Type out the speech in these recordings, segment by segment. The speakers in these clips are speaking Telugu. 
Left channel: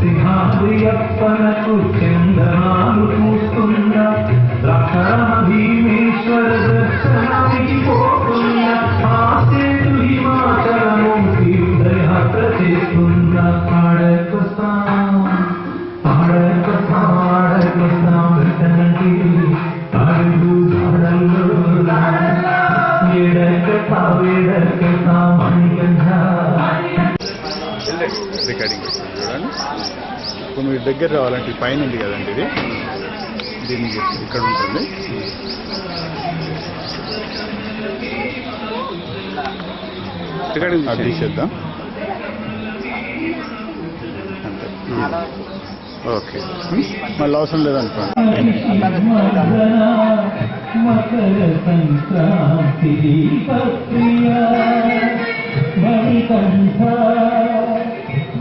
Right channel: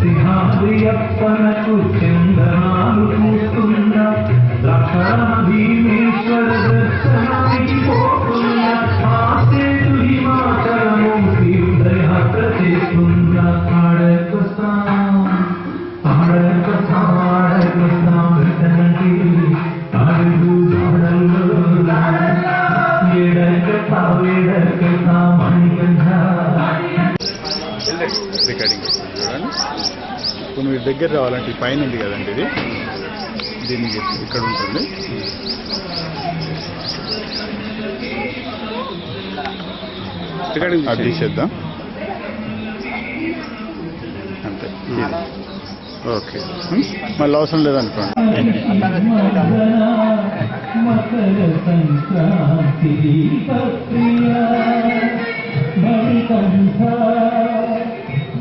సింహాద్రియప్పనకు చందనాలు పూస్తున్నా భీమేశ్వర దర్శనానికి పోతున్నా ఆసేతు హిమాచలము తీర్థయాత్ర చేస్తున్నా ఆడకొస్తాం అడుగు దాడల్లో రికార్డింగ్ చూడండి. ఇప్పుడు మీరు దగ్గర రావాలంటే పైన ఉంది కదండి, ఇది దీనికి ఇక్కడ ఉంటుంది. రికార్డింగ్ అది తీసేద్దాం అంతే. ఓకే, మళ్ళీ అవసరం లేదనుకోండి. మకర సంక్రాంతి దీపప్రియ మణికంఠ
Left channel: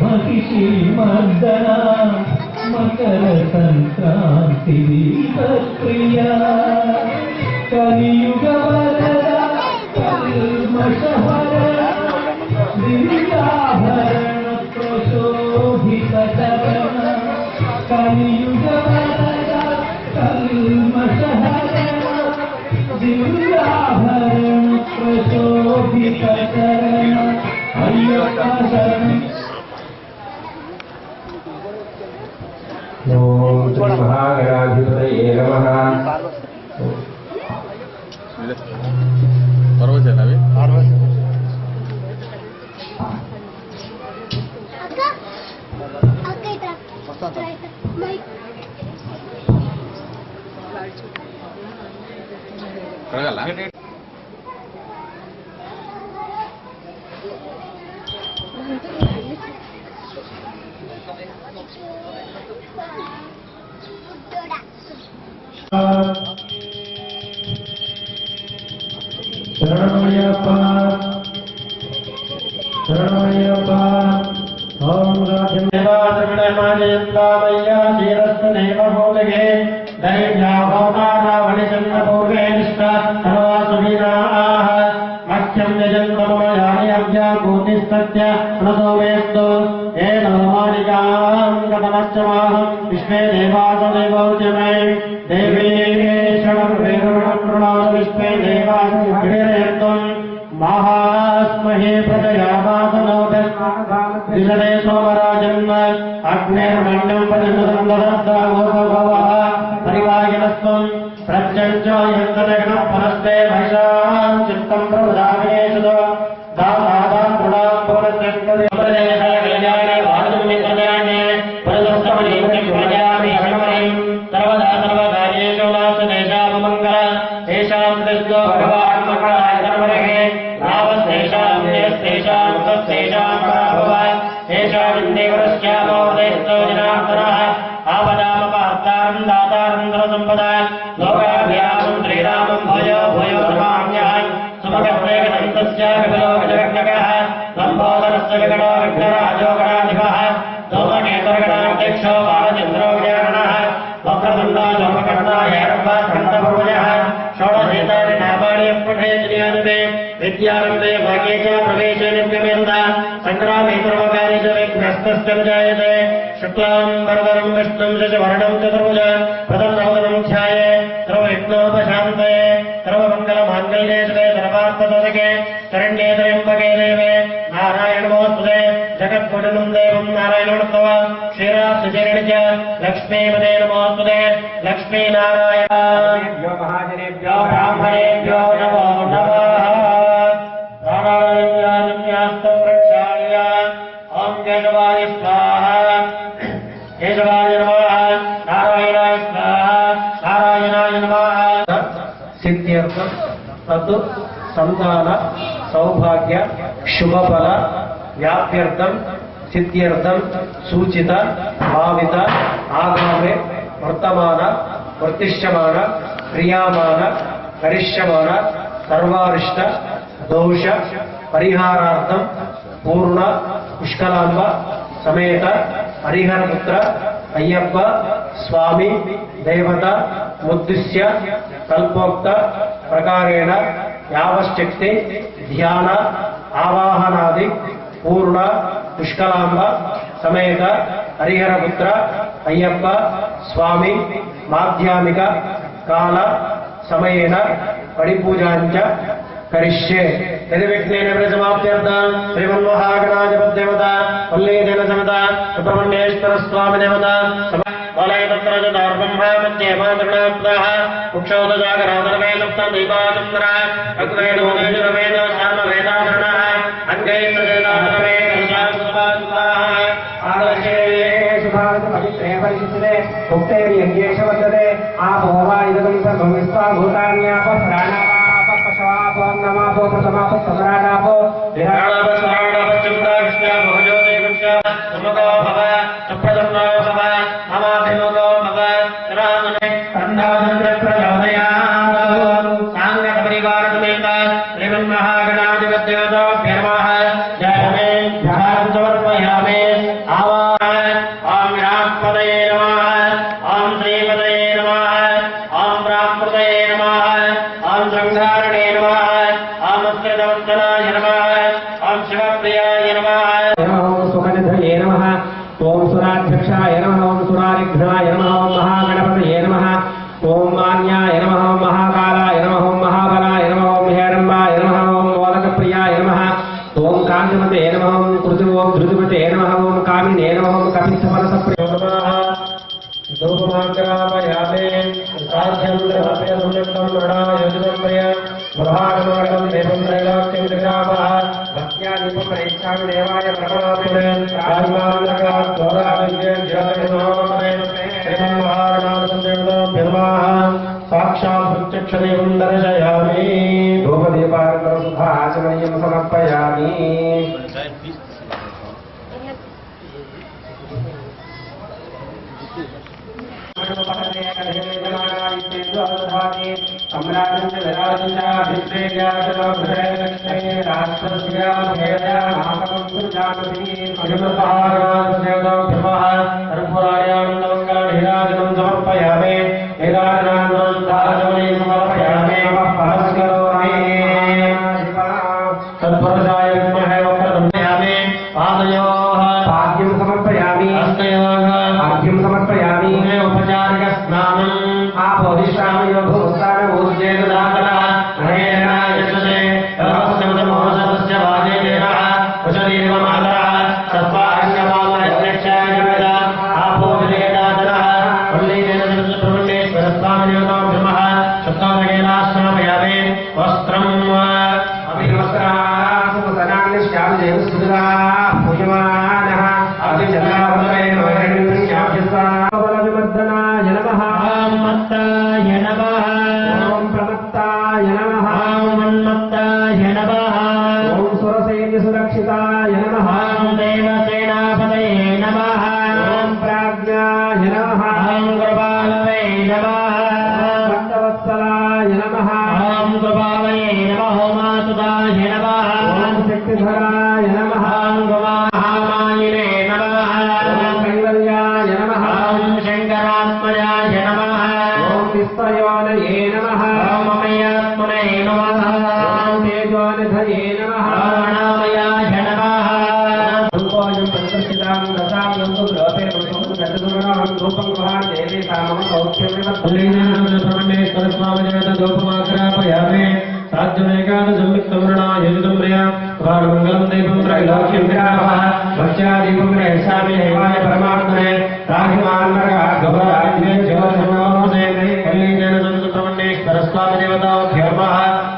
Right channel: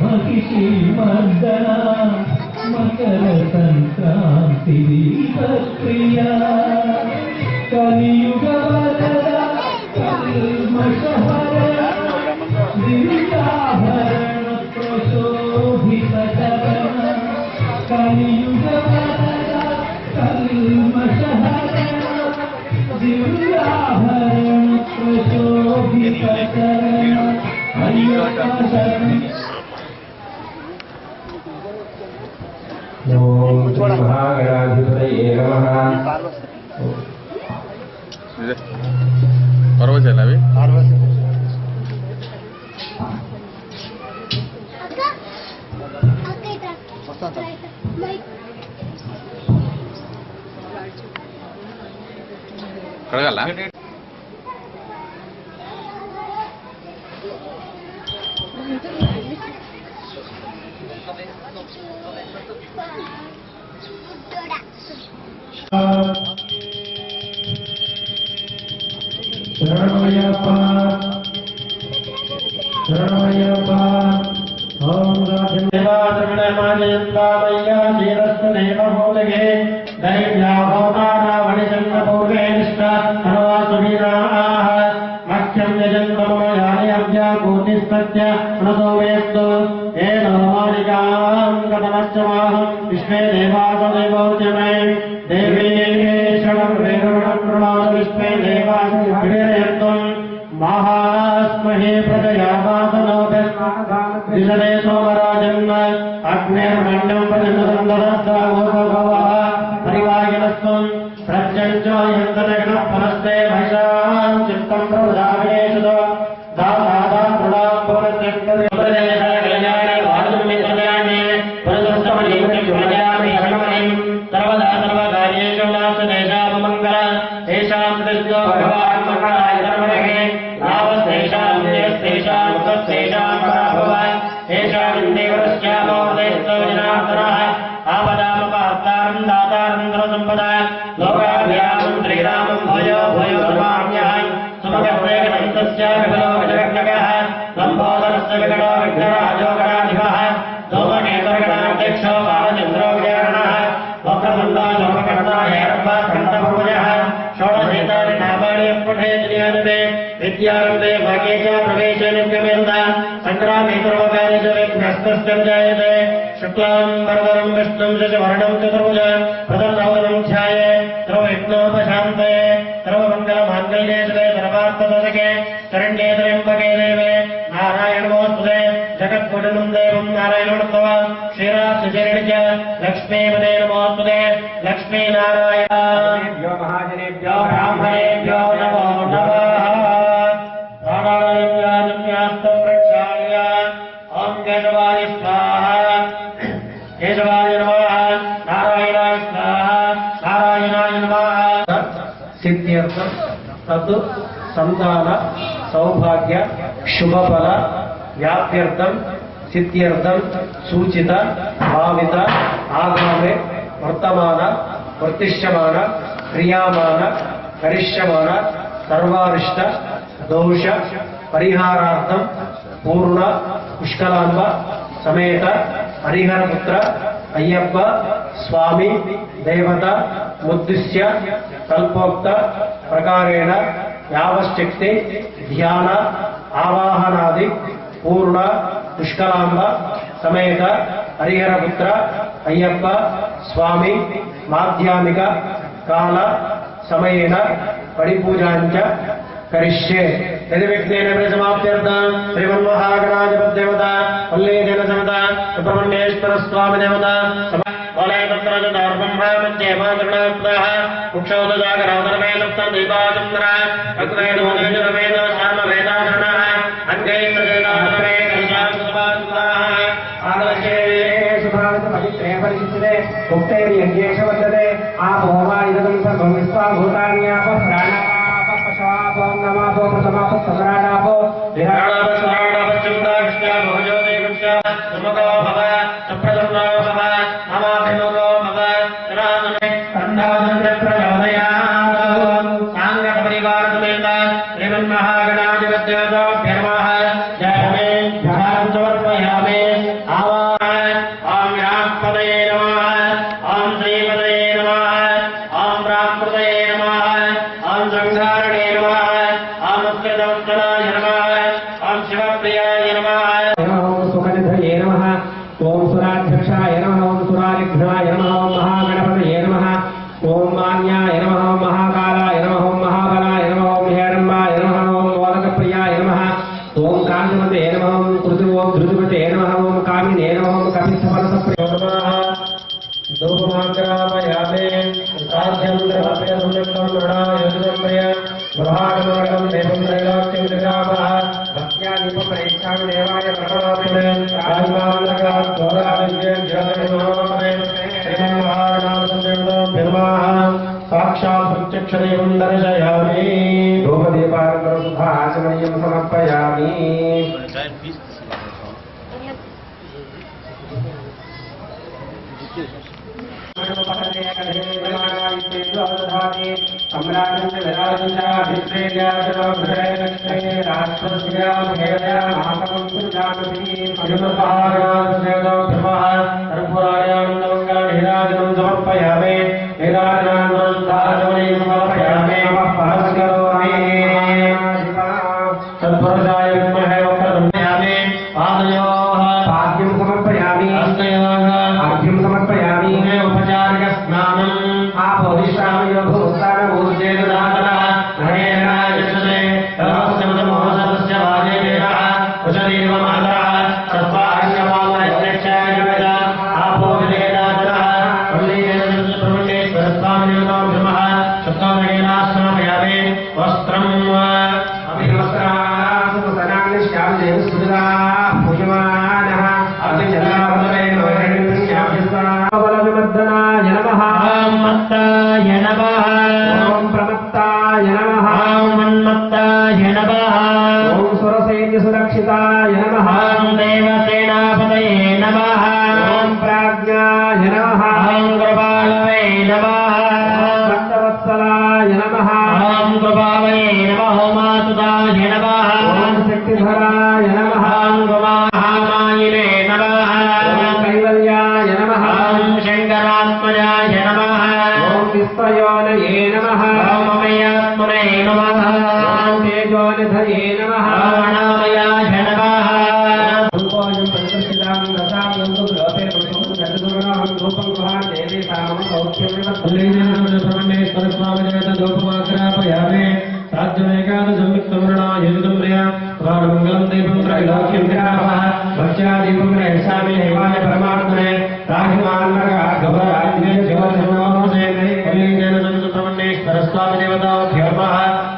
మహిషి మర్దన మకర సంక్రాంతి దీపప్రియ కలియుగ వరద కల్మషహర దివ్యాభరణ ప్రశోభిత చరణ కలియుగ వరద కల్మషహర దివ్యాభరణ ప్రశోభిత చరణ అయ్యప్ప శరణం. ఓం మహాగణాధిపతయే నమః. పర్వతాలు అవి కడగల. శరణమయ్యప్ప శరణమయ్యప్ప. ఓం రాజమేవాజయంతామయ్యా ధీరస్థదేవమూలగే దైవ్యాభవతారావణిచంద్రపూర్వే నిష్ఠానవాసువీరాః మఖ్యం యజంతమయాని అవ్యాకూతిస్తత్య అనసోవేత్తు ఏ నవమానికాం గతమశ్చమాహం విశ్వే దేవాసదేవోద్యమే దేవీశ్వరం వేరుణప్రణాద విశ్వే దేవాసవిడేత్వం మహాస్మహే ప్రజయావాసనోదే సోమరాజన్ అగ్నిర్మణ్యం ప్రతిమసందరస్సావోభవ పరివాగినస్వం ప్రత్యంజయంతగణ పరస్తే భైషాం చిత్తం ప్రవదావేశదో దాదాదా ప్రణాం పవనత్రస్కదే కళ్యాణే వాదుమి కళ్యాణే పురదస్తమనిం జ్ఞాయామి అన్నమయం సర్వదా సర్వకార్యేషు నాశదేశామ మంగళ తేషాం తస్యో భగవాన్ మంగళాయ ధర్మణే నావస్తేషాం దేశేషాం తస్సేషాం పరాభవ తేషాం దేవరస్యామోదయస్తో జనార్దనః ఆపదామపహర్తారం దాతారం ధనసంపదా లోకాభ్యాసం శ్రీరామం భూయో భూయో నమామ్యహం సుమగత్రేకం తస్య విభలో గజగణకః లంబోదరస్య విగణో విఘ్నరాజో గణాధిపః సోమకేతర్గణాధ్యక్షో బాలచంద్రో విజయగణః వక్రతుండో లోకకర్తా ఏరవ్వాఖండభుజః షోడశేతాని నామాని పఠేజ్ఞానమే విద్యారంభే భాగ్యే చ ప్రవేశే నిత్యమేంద సంగ్రామే సర్వకార్య చ విఘ్నస్తస్య జాయతే శుక్లాం వరదరం విష్ణుం శశివర్ణం చతుర్భుజ ప్రసన్నవదనం ధ్యాయే సర్వవిఘ్నోపశాంతయే సర్వమంగళమాంగళ్యే శివే సర్వార్థసాధకే శరణ్యే త్ర్యంబకే దేవే నారాయణ నమోస్తుతే జగత్పురుషం దేవం నారాయణోత్తవ క్షీరాబ్ధచరణి చ లక్ష్మీపదే నమోస్తుతే లక్ష్మీనారాయణేభ్యో మహాజనేభ్యో బ్రాహ్మణేభ్యో నమో నమః. నారాయణ్యాస్తం రక్షాయ. ఓం కేశవాయ స్వాహా కేశవాయ నమః. నారాయణాయ స్వాహా నారాయణాయ నమః. సిద్ధ్యర్థం తత్ సంతాన సౌభాగ్య శుభఫల వ్యాప్యర్థం సిద్ధ్యర్థం సూచిత భావిత ఆగామే వర్తమాన వర్తిష్యమాన క్రియామాన కరిష్యమాన సర్వారిష్ట దోష పరిహారార్థం పూర్ణ పుష్కలాంబ సమేత హరిహరపుత్ర అయ్యప్ప స్వామి దేవత ముద్దిశ్య కల్పోక్త ప్రకారేణ యావశక్తి ధ్యాన ఆవాహనాది పూర్ణ పుష్కలాంబ సమేత హరిహరపుత్ర అయ్యప్ప స్వామి మాధ్యామిక కాల సమయేన పడిపూజాంచ కరిష్యే యదివిఘ్నేన ప్రసమాప్త్యర్థం శ్రీమన్మహాగణాధిపతిదేవత వల్లీదేన సమేత సుబ్రహ్మణ్యేశ్వర స్వామి దేవత సాక్షాత్ ప్రత్యక్షదేవం దర్శయామి ధూపదీపానంతరం శుద్ధాచమనీయం సమర్పయామి సమర్పయామి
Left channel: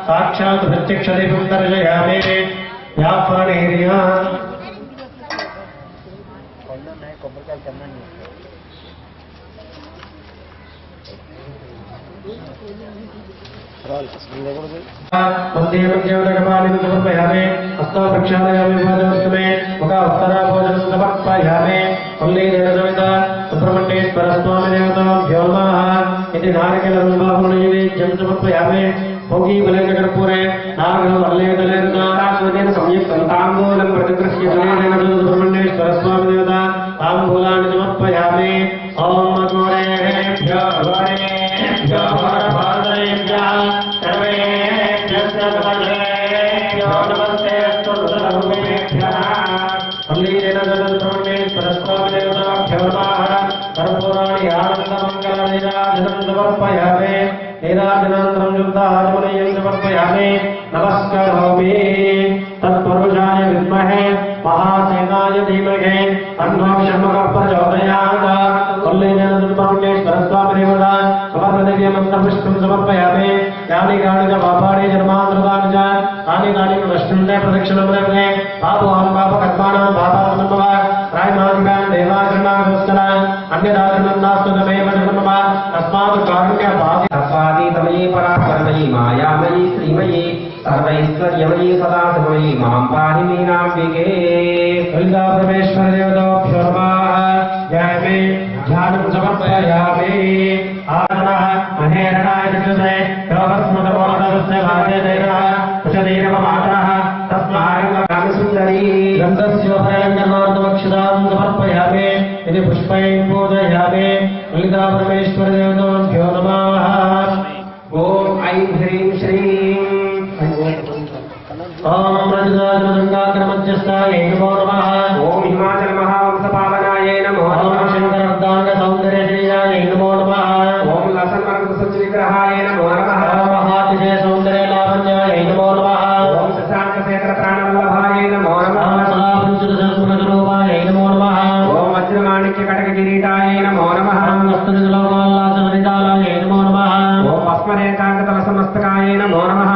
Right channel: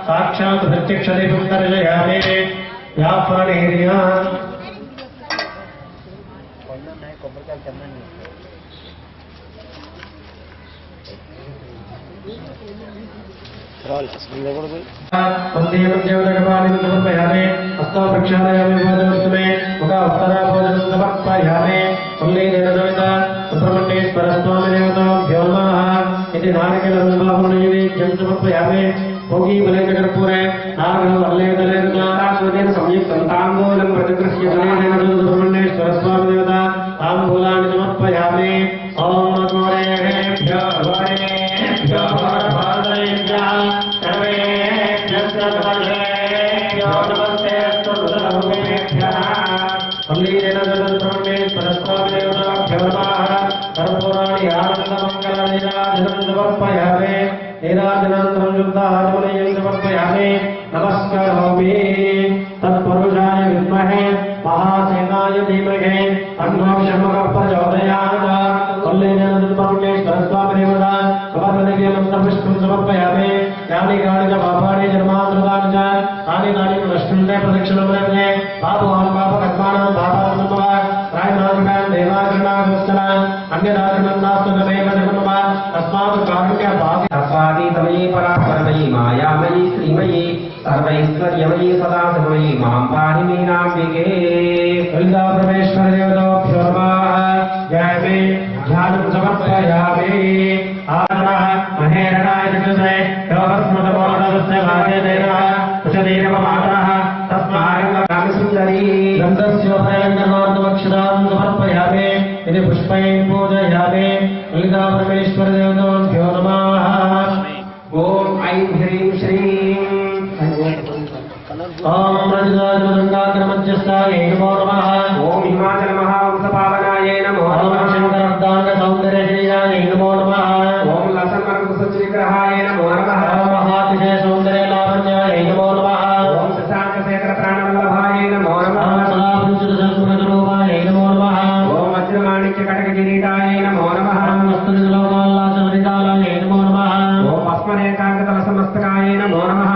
సాక్షాత్ ప్రత్యక్షదేవం దర్శయామి వ్యాపారేర్యా సమర్పయామి హస్తో ప్రక్షాళయామి భోజనమే ఒక ఉత్తరా భోజనం సమర్పయామి పల్లీదేవ సమిత సుబ్రహ్మణ్యేశ్వర స్వామి దేవతాభ్యో నమః ఇది నారికేళం సమర్పయామి భోగి బలేకర్పూరే నాగరం వల్లేదలేన సంయుక్తం తాంబూలం ప్రతిగృహ్య సుబ్రహ్మణ్యేశ్వర స్వామి దేవత తాంబూలాన్ని సమర్పయామి ఓం గోరేభ్యో వరేభ్యో భారతేభ్యో సర్వేభ్యో నమస్తే युक्ताचमनीयं समर्पयामि नमस्करोमि तत्पुरुषाय विद्महे महासेनाय धीमहि तन्नो शम्भुः प्रचोदयात् परमेश्वरस्वामिदेवता समर्पयामि समर्पयामि यानि कानि च पापानि जन्मान्तराणि च तानि तानि नष्टुण्डे प्रदक्षिणं लभते पापोऽहं पापकर्माणां पापात्मनः प्रायमादिकान् देवाकर्णागोस्कर अन्यदाकर्णं नास्तु तमेव जन्मः तस्मात् कारुण्यपादी तमयी परापरमयी मायामयी श्रीमयी सर्वैश्वर्यमयी सदा शिवमयी मां पाहि मीनाम्बिके ललिता परमेश्वरदेवताभ्यो नमः जय मे ध्यानं समर्पयामि आनः महेरणाय चक्षुषे कवस्मतमोदस्य भागेतेनः कुशदेवमातरः तस्मारङ्गकामि सुन्दरी गन्धस्योभयङ्गनार्दमक्षदां समर्पयामि इति पुष्पैः पूजयामि ललिता परमेश्वरदेवताभ्यो नमः ॐ ऐं ह्रीं श्रीं ॐ रजताजलगङ्गाग्रमध्यस्थायै नमो नमः ॐ हिमाचलमहावंशपावनाय नमो नमः शङ्करर्धाङ्गसौन्दर्यश्रीयाय नमो नमः ॐ लसन्मर्गसुचिविग्रहाय नमो नमः महातिजयसौन्दर्यलावण्याय नमो नमः ॐ शशाङ्कशेखरप्राणवल्लभाय नमो नमः सदापुञ्चितसद्गुणरूपाय नमो नमः ॐ वज्रमाणिक्यकटककिरीटाय नमो नमः हस्तनिजलोकाल्लासवनितालाय नमो नमः ॐ भस्मरेखाङ्गतलसमस्तकाय नमो नमः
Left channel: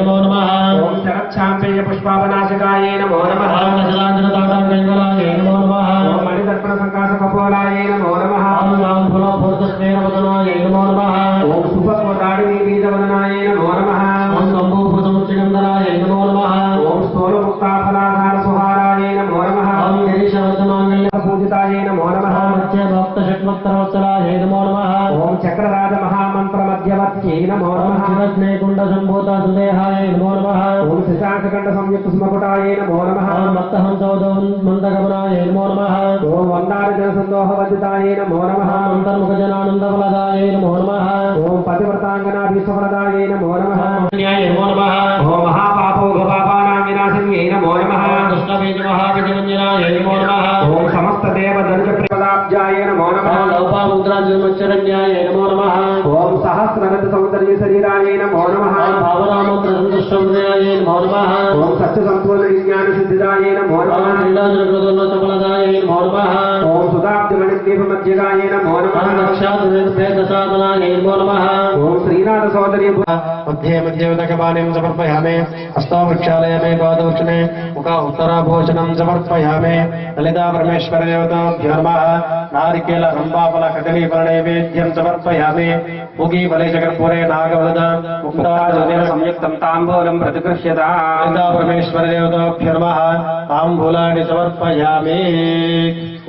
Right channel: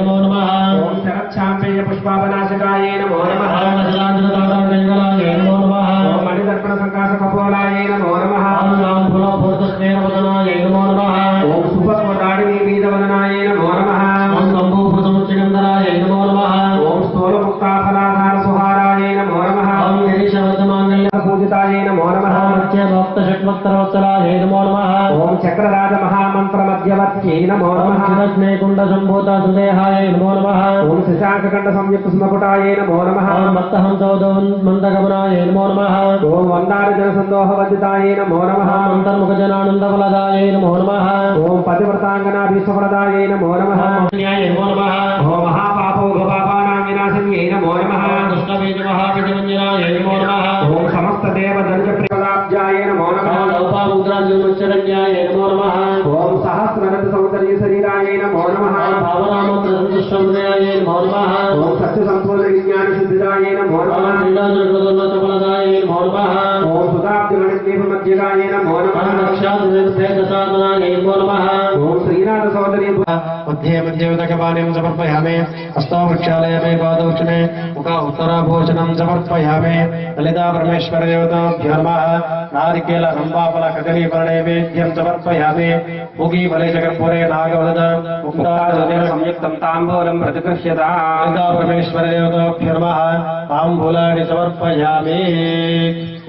नमो नमः ओम शरच्छाम्पेय पुष्पावनाशकाय नमो नमः ओम गजलांजनदातांगलाय नमो नमः ओम मणिदर्पण संकाश कपोलाय नमो नमः ओम रामफुलपूर्तस्नेहवदनाय नमो नमः ओम सुपस्वदाडिनी बीजवदनाय नमो नमः ओम कम्बूभृतमुच्चगन्धराय नमो नमः ओम स्थूलमुक्ताफलाधार सुहाराय नमो नमः ओम गिरीशवर्धमांगल्यपूजिताय नमो नमः मध्यभक्तषट्वक्तरवत्सलाय नमो नमः ओम चक्रराज महामन्त्रमध्यवर्त्यै नमो नमः चिरस्नेकुण्डसम्भूता सुदेहाय नमो नमः ओम शशाङ्ककण्डसंयुक्तस्मकुटाय नमो नमः ओम मत्तहंसोदमन्दगमनाय नमो नमः ओम वन्दारजनसन्दोहवद्दिताय नमो नमः अन्तर्मुखजनानन्दफलदाय नमो नमः ओम पतिव्रताङ्गनाभीष्टफलदाय नमो नमः नमो नमः ओम महापापोघपापानां विनाशिन्यै नमो नमः दुष्टबीजमहाबीजमञ्जनाय नमो नमः ओम समस्तदेवदण्डप्रियपदाब्जाय नमो नमः लोपामुद्राजन्मच्चरण्याय नमो नमः ओम सहस्ररथसौन्दर्यशरीराय नमो नमः भावरामप्रसन्तुष्टहृदयाय नमो नमः ओम सत्यसम्पूर्णविज्ञानसिद्धिदाय नमो नमः लीलाजगदोन्नतफलदाय नमो नमः ओम सुधाब्जगणितदीपमध्यगाय नमो नमः रक्षादुर्भेदसाधनाय नमो नमः ओम श्रीनाथसौन्दर्य मध्ये मध्येदकपाणिं समर्पयामि हस्तो वृक्षालयमे पादोक्षणे मुखा उत्तराभूषणं समर्पयामि ललिता परमेश्वरदेवताभ्यो नमः नारिकेल रम्भाफल कदलीपर्णैवेद्यं समर्पयामि मुगीफलेशकर्पूरे नागवदन मुक्ताजलेन संयुक्तं ताम्बूलं प्रतिगृह्यताम् ललिता परमेश्वरदेवताभ्यो नमः ताम्बूलानि समर्पयामि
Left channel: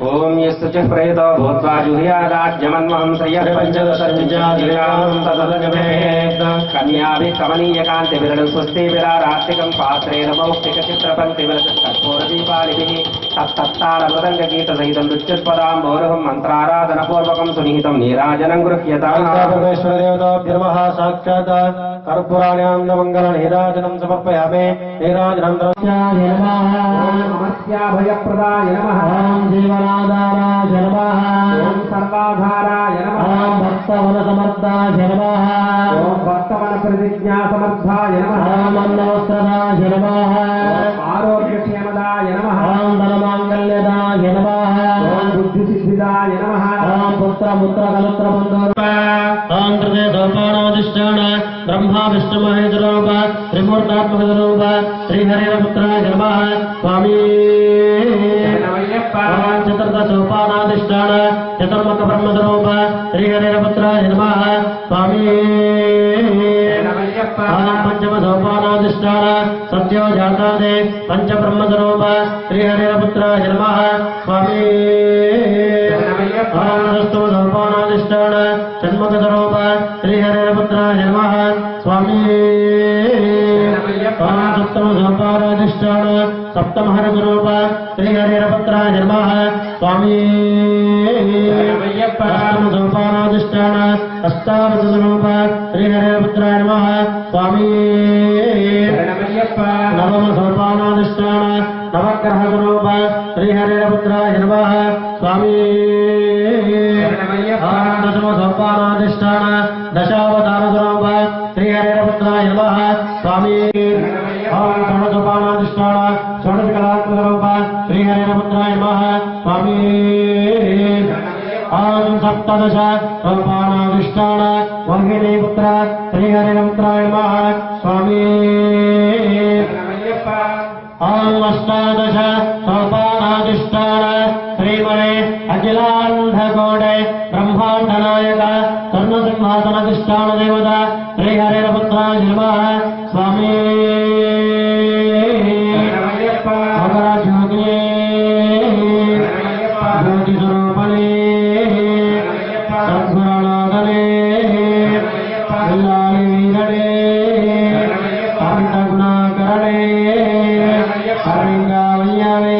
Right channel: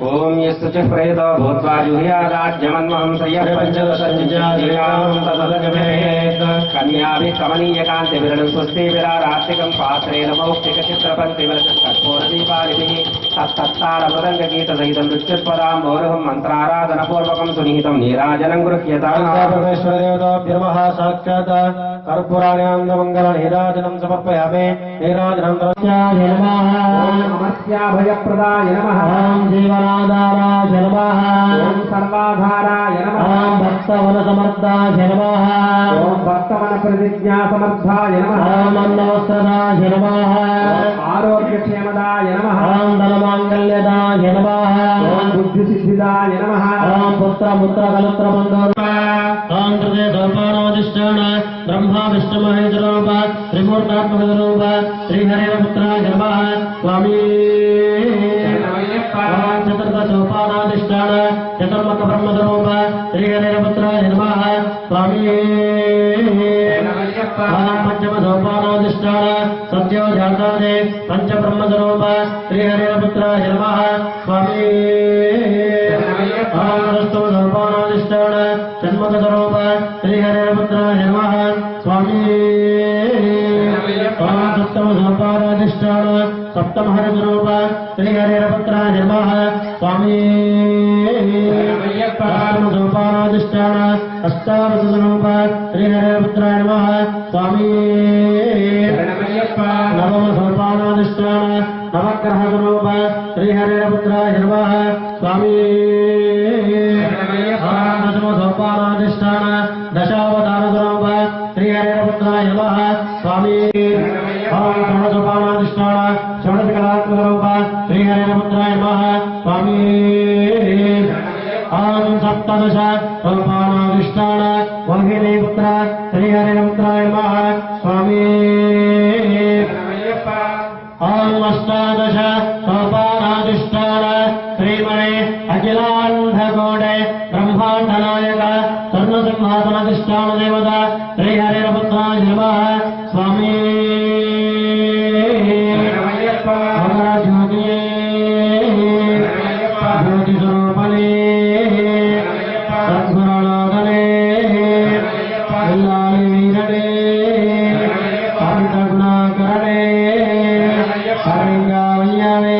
ओम यस्य च प्रेतो भूत्वा जुह्यादाज्यमन्वहं श्रियः पञ्चदशज्जादिकां तदलजमेत् कन्याभिः कमनीयकान्तिविरलं स्वस्तिविरारात्रिकं पात्रेण मौक्तिकचित्रपङ्क्तिविलसत्कर्पूरदीपालिभिः तत्तत्तालमृदङ्गगीतसहितं नृत्योत्पदां गौरवं मन्त्राराधनपूर्वकं सुनिहितं नीराजनं गृह्यताम् परमेश्वरदेवताभ्यो नमः साक्षात् कर्पूराण्यान्दमङ्गलनीराजनं समर्पयामि नीराजनं द्रव्याय नमः अमर्त्याभयप्रदाय नमः जीवनाधाराय नमः ओम सर्वाधाराय नमः ओम भक्तवनसमर्थाय नमः ओम भक्तवनप्रतिज्ञासमर्थाय नमः ओम अन्नवस्त्रदाय नमः आरोग्यक्षेमदाय नमः ओम धनमाङ्गल्यदाय नमः ओम बुद्धिसिद्धिदाय नमः ओम पुत्रमुत्रकलत्रबन्धो ओम कृते सोपानाधिष्ठान ब्रह्मा विष्णुमहेश्वरोप त्रिमूर्तात्मकरूप श्रीहरिपुत्राय नमः स्वामी चतुर्दशोपानाधिष्ठान चतुर्मुखब्रह्मस्वरूप श्रीहरिपुत्राय नमः स्वामी पंचमसोपानाधिष्ठान सत्यो जातादे पंचब्रह्मस्वरूप श्रीहरिपुत्राय नमः स्वामी षष्ठमसोपानाधिष्ठान षण्मुखस्वरूप श्रीहरिपुत्राय नमः स्वामी सप्तमसोपानाधिष्ठान सप्तमहरस्वरूप श्रीहरिपुत्राय नमः स्वामी अष्टमसोपानाधिष्ठान अष्टादशस्वरूप श्रीहरिपुत्राय नमः स्वामी नवमसोपानाधिष्ठान नवग्रहस्वरूप श्रीहरिपुत्राय नमः स्वामी दशमसोपानाधिष्ठान दशा ఓం సర్వసోపానాధిష్టాన షోడశకళాత్మకరూప శ్రీహరిపుత్రాయ నమః స్వామి. ఓం సప్తదశ సోపానాధిష్టాన వాహినీపుత్ర శ్రీహరిపుత్రాయ నమః స్వామి. ఓం అష్టాదశ సోపానాధిష్టాన శ్రీమణే అఖిలాంధకోడే బ్రహ్మాండనాయక సర్వసింహాసనాధిష్టాన దేవత శ్రీహరిపుత్రాయ నమః స్వామి. జ్యోతి జ్యోతి స్వరూపణే సద్గుణనాథనే ఇల్లాలి వీరడే అమిత గుణాకరణే హరింగావయ్యవే.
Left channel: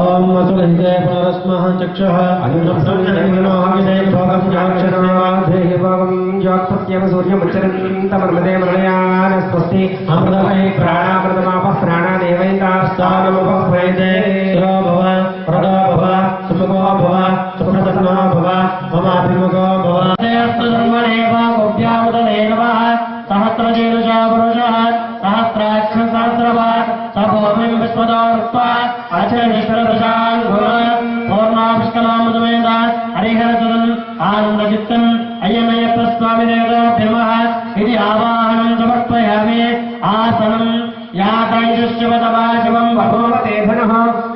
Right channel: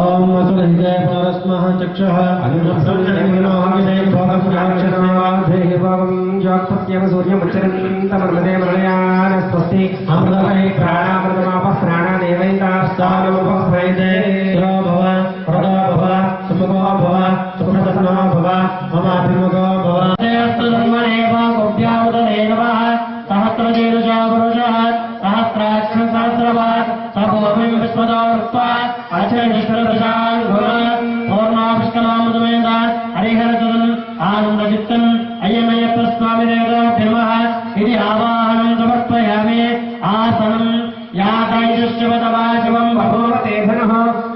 ఓం అసురహితే పునరస్మః చక్షుః అనుసంసృజనోహితే భోగం జాక్షరమేవాధేహి భోగం జ్యోత్పత్యేవ సూర్యముచ్చరంతమర్మదే మలయాన స్వస్తి అమృతమహి ప్రాణామృతమాపః ప్రాణాదేవైతాస్తానముపహ్వైతే శిరో భవ ప్రదో భవ సుముఖో భవ సుప్రసన్నో భవ మమాభిముఖో భవ. ధర్మణేవాభ్యాముదనే నమః సహస్రశీర్షా పురుషः సహస్రాక్ష సహస్రవాన్ సభూమిం విశ్వదోర్త్వా అచరణిశ్వరదశాన్ పూర్ణాపుష్కలాముదమేద హరిహరసుదన్ ఆనందచిత్తన్ అయ్యమయ్యప్ప స్వామి దేవతాభ్యమః ఇది ఆవాహనం సమర్పయామి. ఆసనం యాతైజుష్యవతవా శివం భగవతే పునః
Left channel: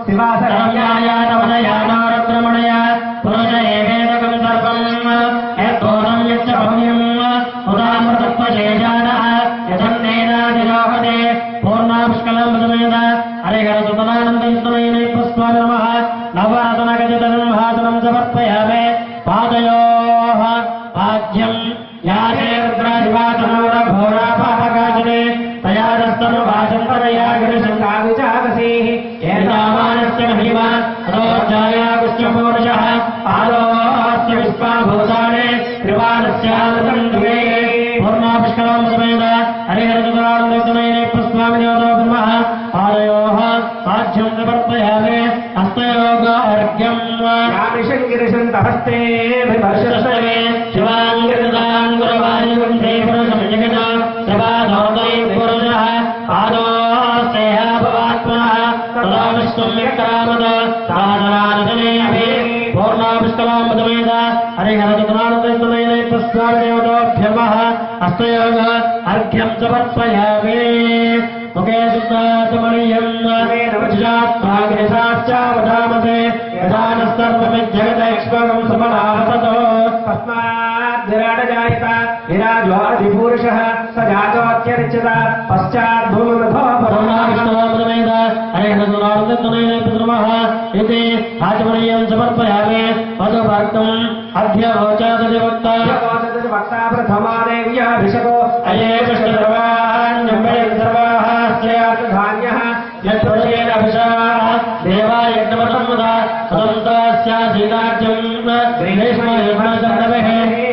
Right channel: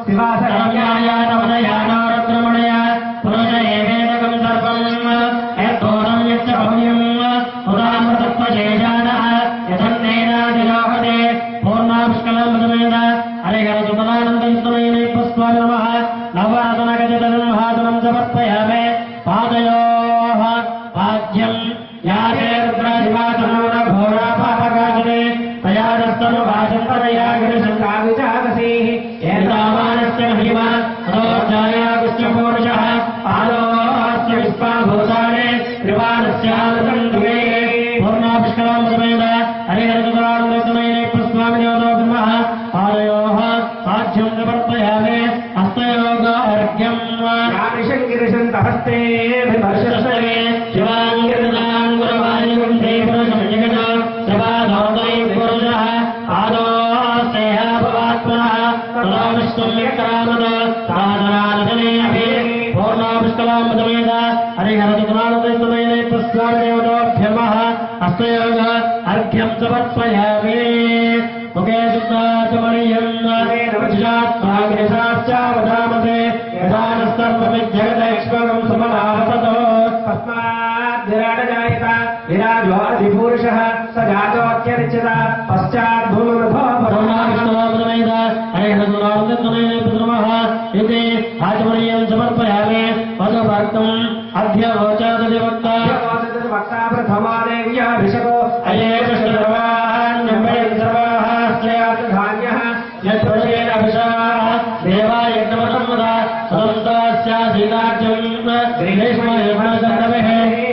శివాసయాయానవదయానారద్రమణయ పురుష ఏవేదకం సర్వం యద్బోధం యచ్చ భవ్యం ఉదామృతత్వశేషానః యథన్నేనాదిలోహతే పూర్ణాపుష్కలాముదమేద హరిహరసుతనానందయుక్తమయ్యప్ప స్వామి నమః. నవాసనగజతన్హాసనం సమర్పయామి. పాదయోః పాద్యం యాతే రుద్రాధివాసనోరఘోరాపాపకాశనే తయాదస్తనుభాషంతరయా గిరిశంకావిచాదసీః ఏతావానస్య మహిమా అదోర్జాయాగుశ్చపూరుషः పాదోస్య విశ్వాభూతానే త్రివానస్యామృతం దివే. పూర్ణాపుష్కలాముదమేద హరిహరసుతనానందయుక్తమయ్యప్ప స్వామి దేవతాభ్యమః. పాదయోః పాద్యం సమర్పయామి. హస్తయోగార్ఘ్యం గిరిశంతహస్తే వర్షస్తవే శివాంగిరిదాంగురవాయుం శ్రీపురుషం జగత శివాధోదై పురుషः ఆదోస్తేహాభవాత్మనः తదా విష్ణుం విక్రామద సాధనాదనే అభి. పూర్ణాపుష్కలాముదమేద హరిహరసుతనానందయుక్తమయ్యప్ప స్వామి దేవతాభ్యమః. హస్తయోగ అర్ఘ్యం సమర్పయామి. ముఖే శుద్ధాత్మనీయం నమస్కారాచావధామతే యథానస్తర్వమిజ్జగదైక్ష్మగం సమనావతతో తస్మాద్ విరాటజాయత విరాజోऽధిపురుషः స జాతోऽత్యరిచ్యత పశ్చాత్ భూమిమధో పూర్ణాపుష్కలాముదమేద హరిహరసుతనానందయుక్తమయ్యప్ప నమః. ఇది ఆచమనీయం సమర్పయామి. మధుభక్తం అధ్యవోచాదధివక్త వక్తా ప్రథమాదేవ్యాభిషకో అయే కృష్ణద్రవాణ్యంబడి సర్వాః శ్రేయార్థధాన్యః యత్పురుషేణ అభిషాః దేవాయజ్ఞమసంవద సదంతాస్యాసీతార్జం గ్రీష్మయజ్ఞసన్నవేః.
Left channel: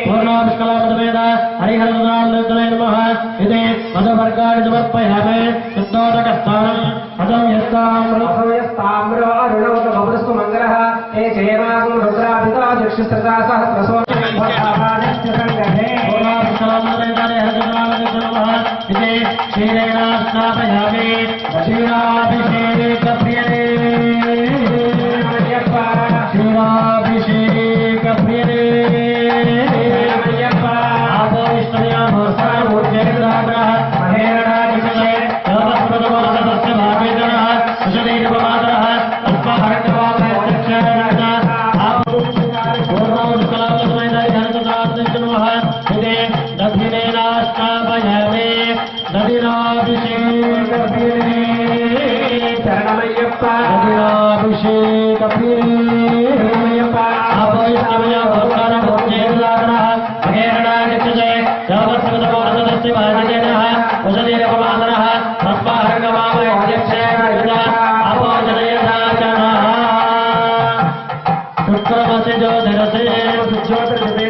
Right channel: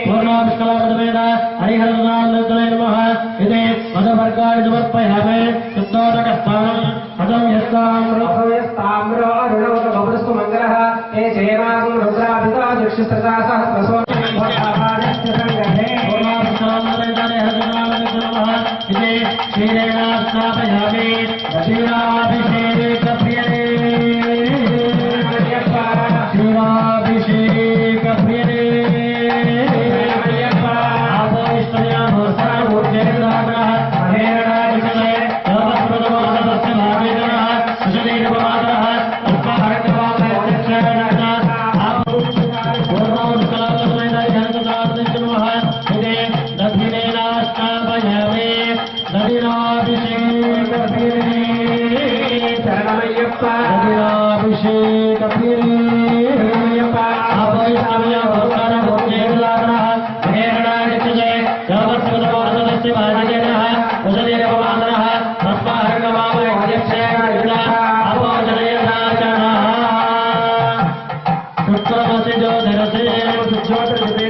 పూర్ణాపుష్కలాముదమేద హరిహరసుతనానందయుక్తమయ్య నమః. ఇది మధువర్గాన్ని సమర్పయామి. శుద్ధోదకస్థానం పదం యస్తామ్రో అరుణోదకపురస్తు మంగళః ఏ జయమాగం రుద్రాభితా చక్షుస్రతా సహస్రసో ఇది క్షీరేణ స్నాపయామి. క్షీరాభిషేకప్రియనే క్షీరాభిషేకప్రియనే ఆపోయిష్టమూర్జేంద్రాగ్రహ మహేరణాజిషే సర్వస్మృతమోదతస్య భావేదనః సుషదీర్ఘమాదరః తస్మాహరకవామేక్షేణ పూర్ణోత్కలాముదమేద హరిహరసుతనానందయుక్తమయ్య నమః. ఇది దధినేనాష్టాపయామి. దధినాభిషేకప్రియనే శరణమయ్యప్ప దధినాభిషేకప్రియనే ఆపోయిష్టమూర్జేంద్రాగ్రహ మహేరణాజిషే సర్వస్మృతమోదతస్య భావేదనః సుషదీర్ఘమాదరః తస్మాహరకవామేక్షేణ ఆపోజనయదాచనః. శుక్రమసి జ్యోతిరసే పూర్ణాపుష్కలాముదమేద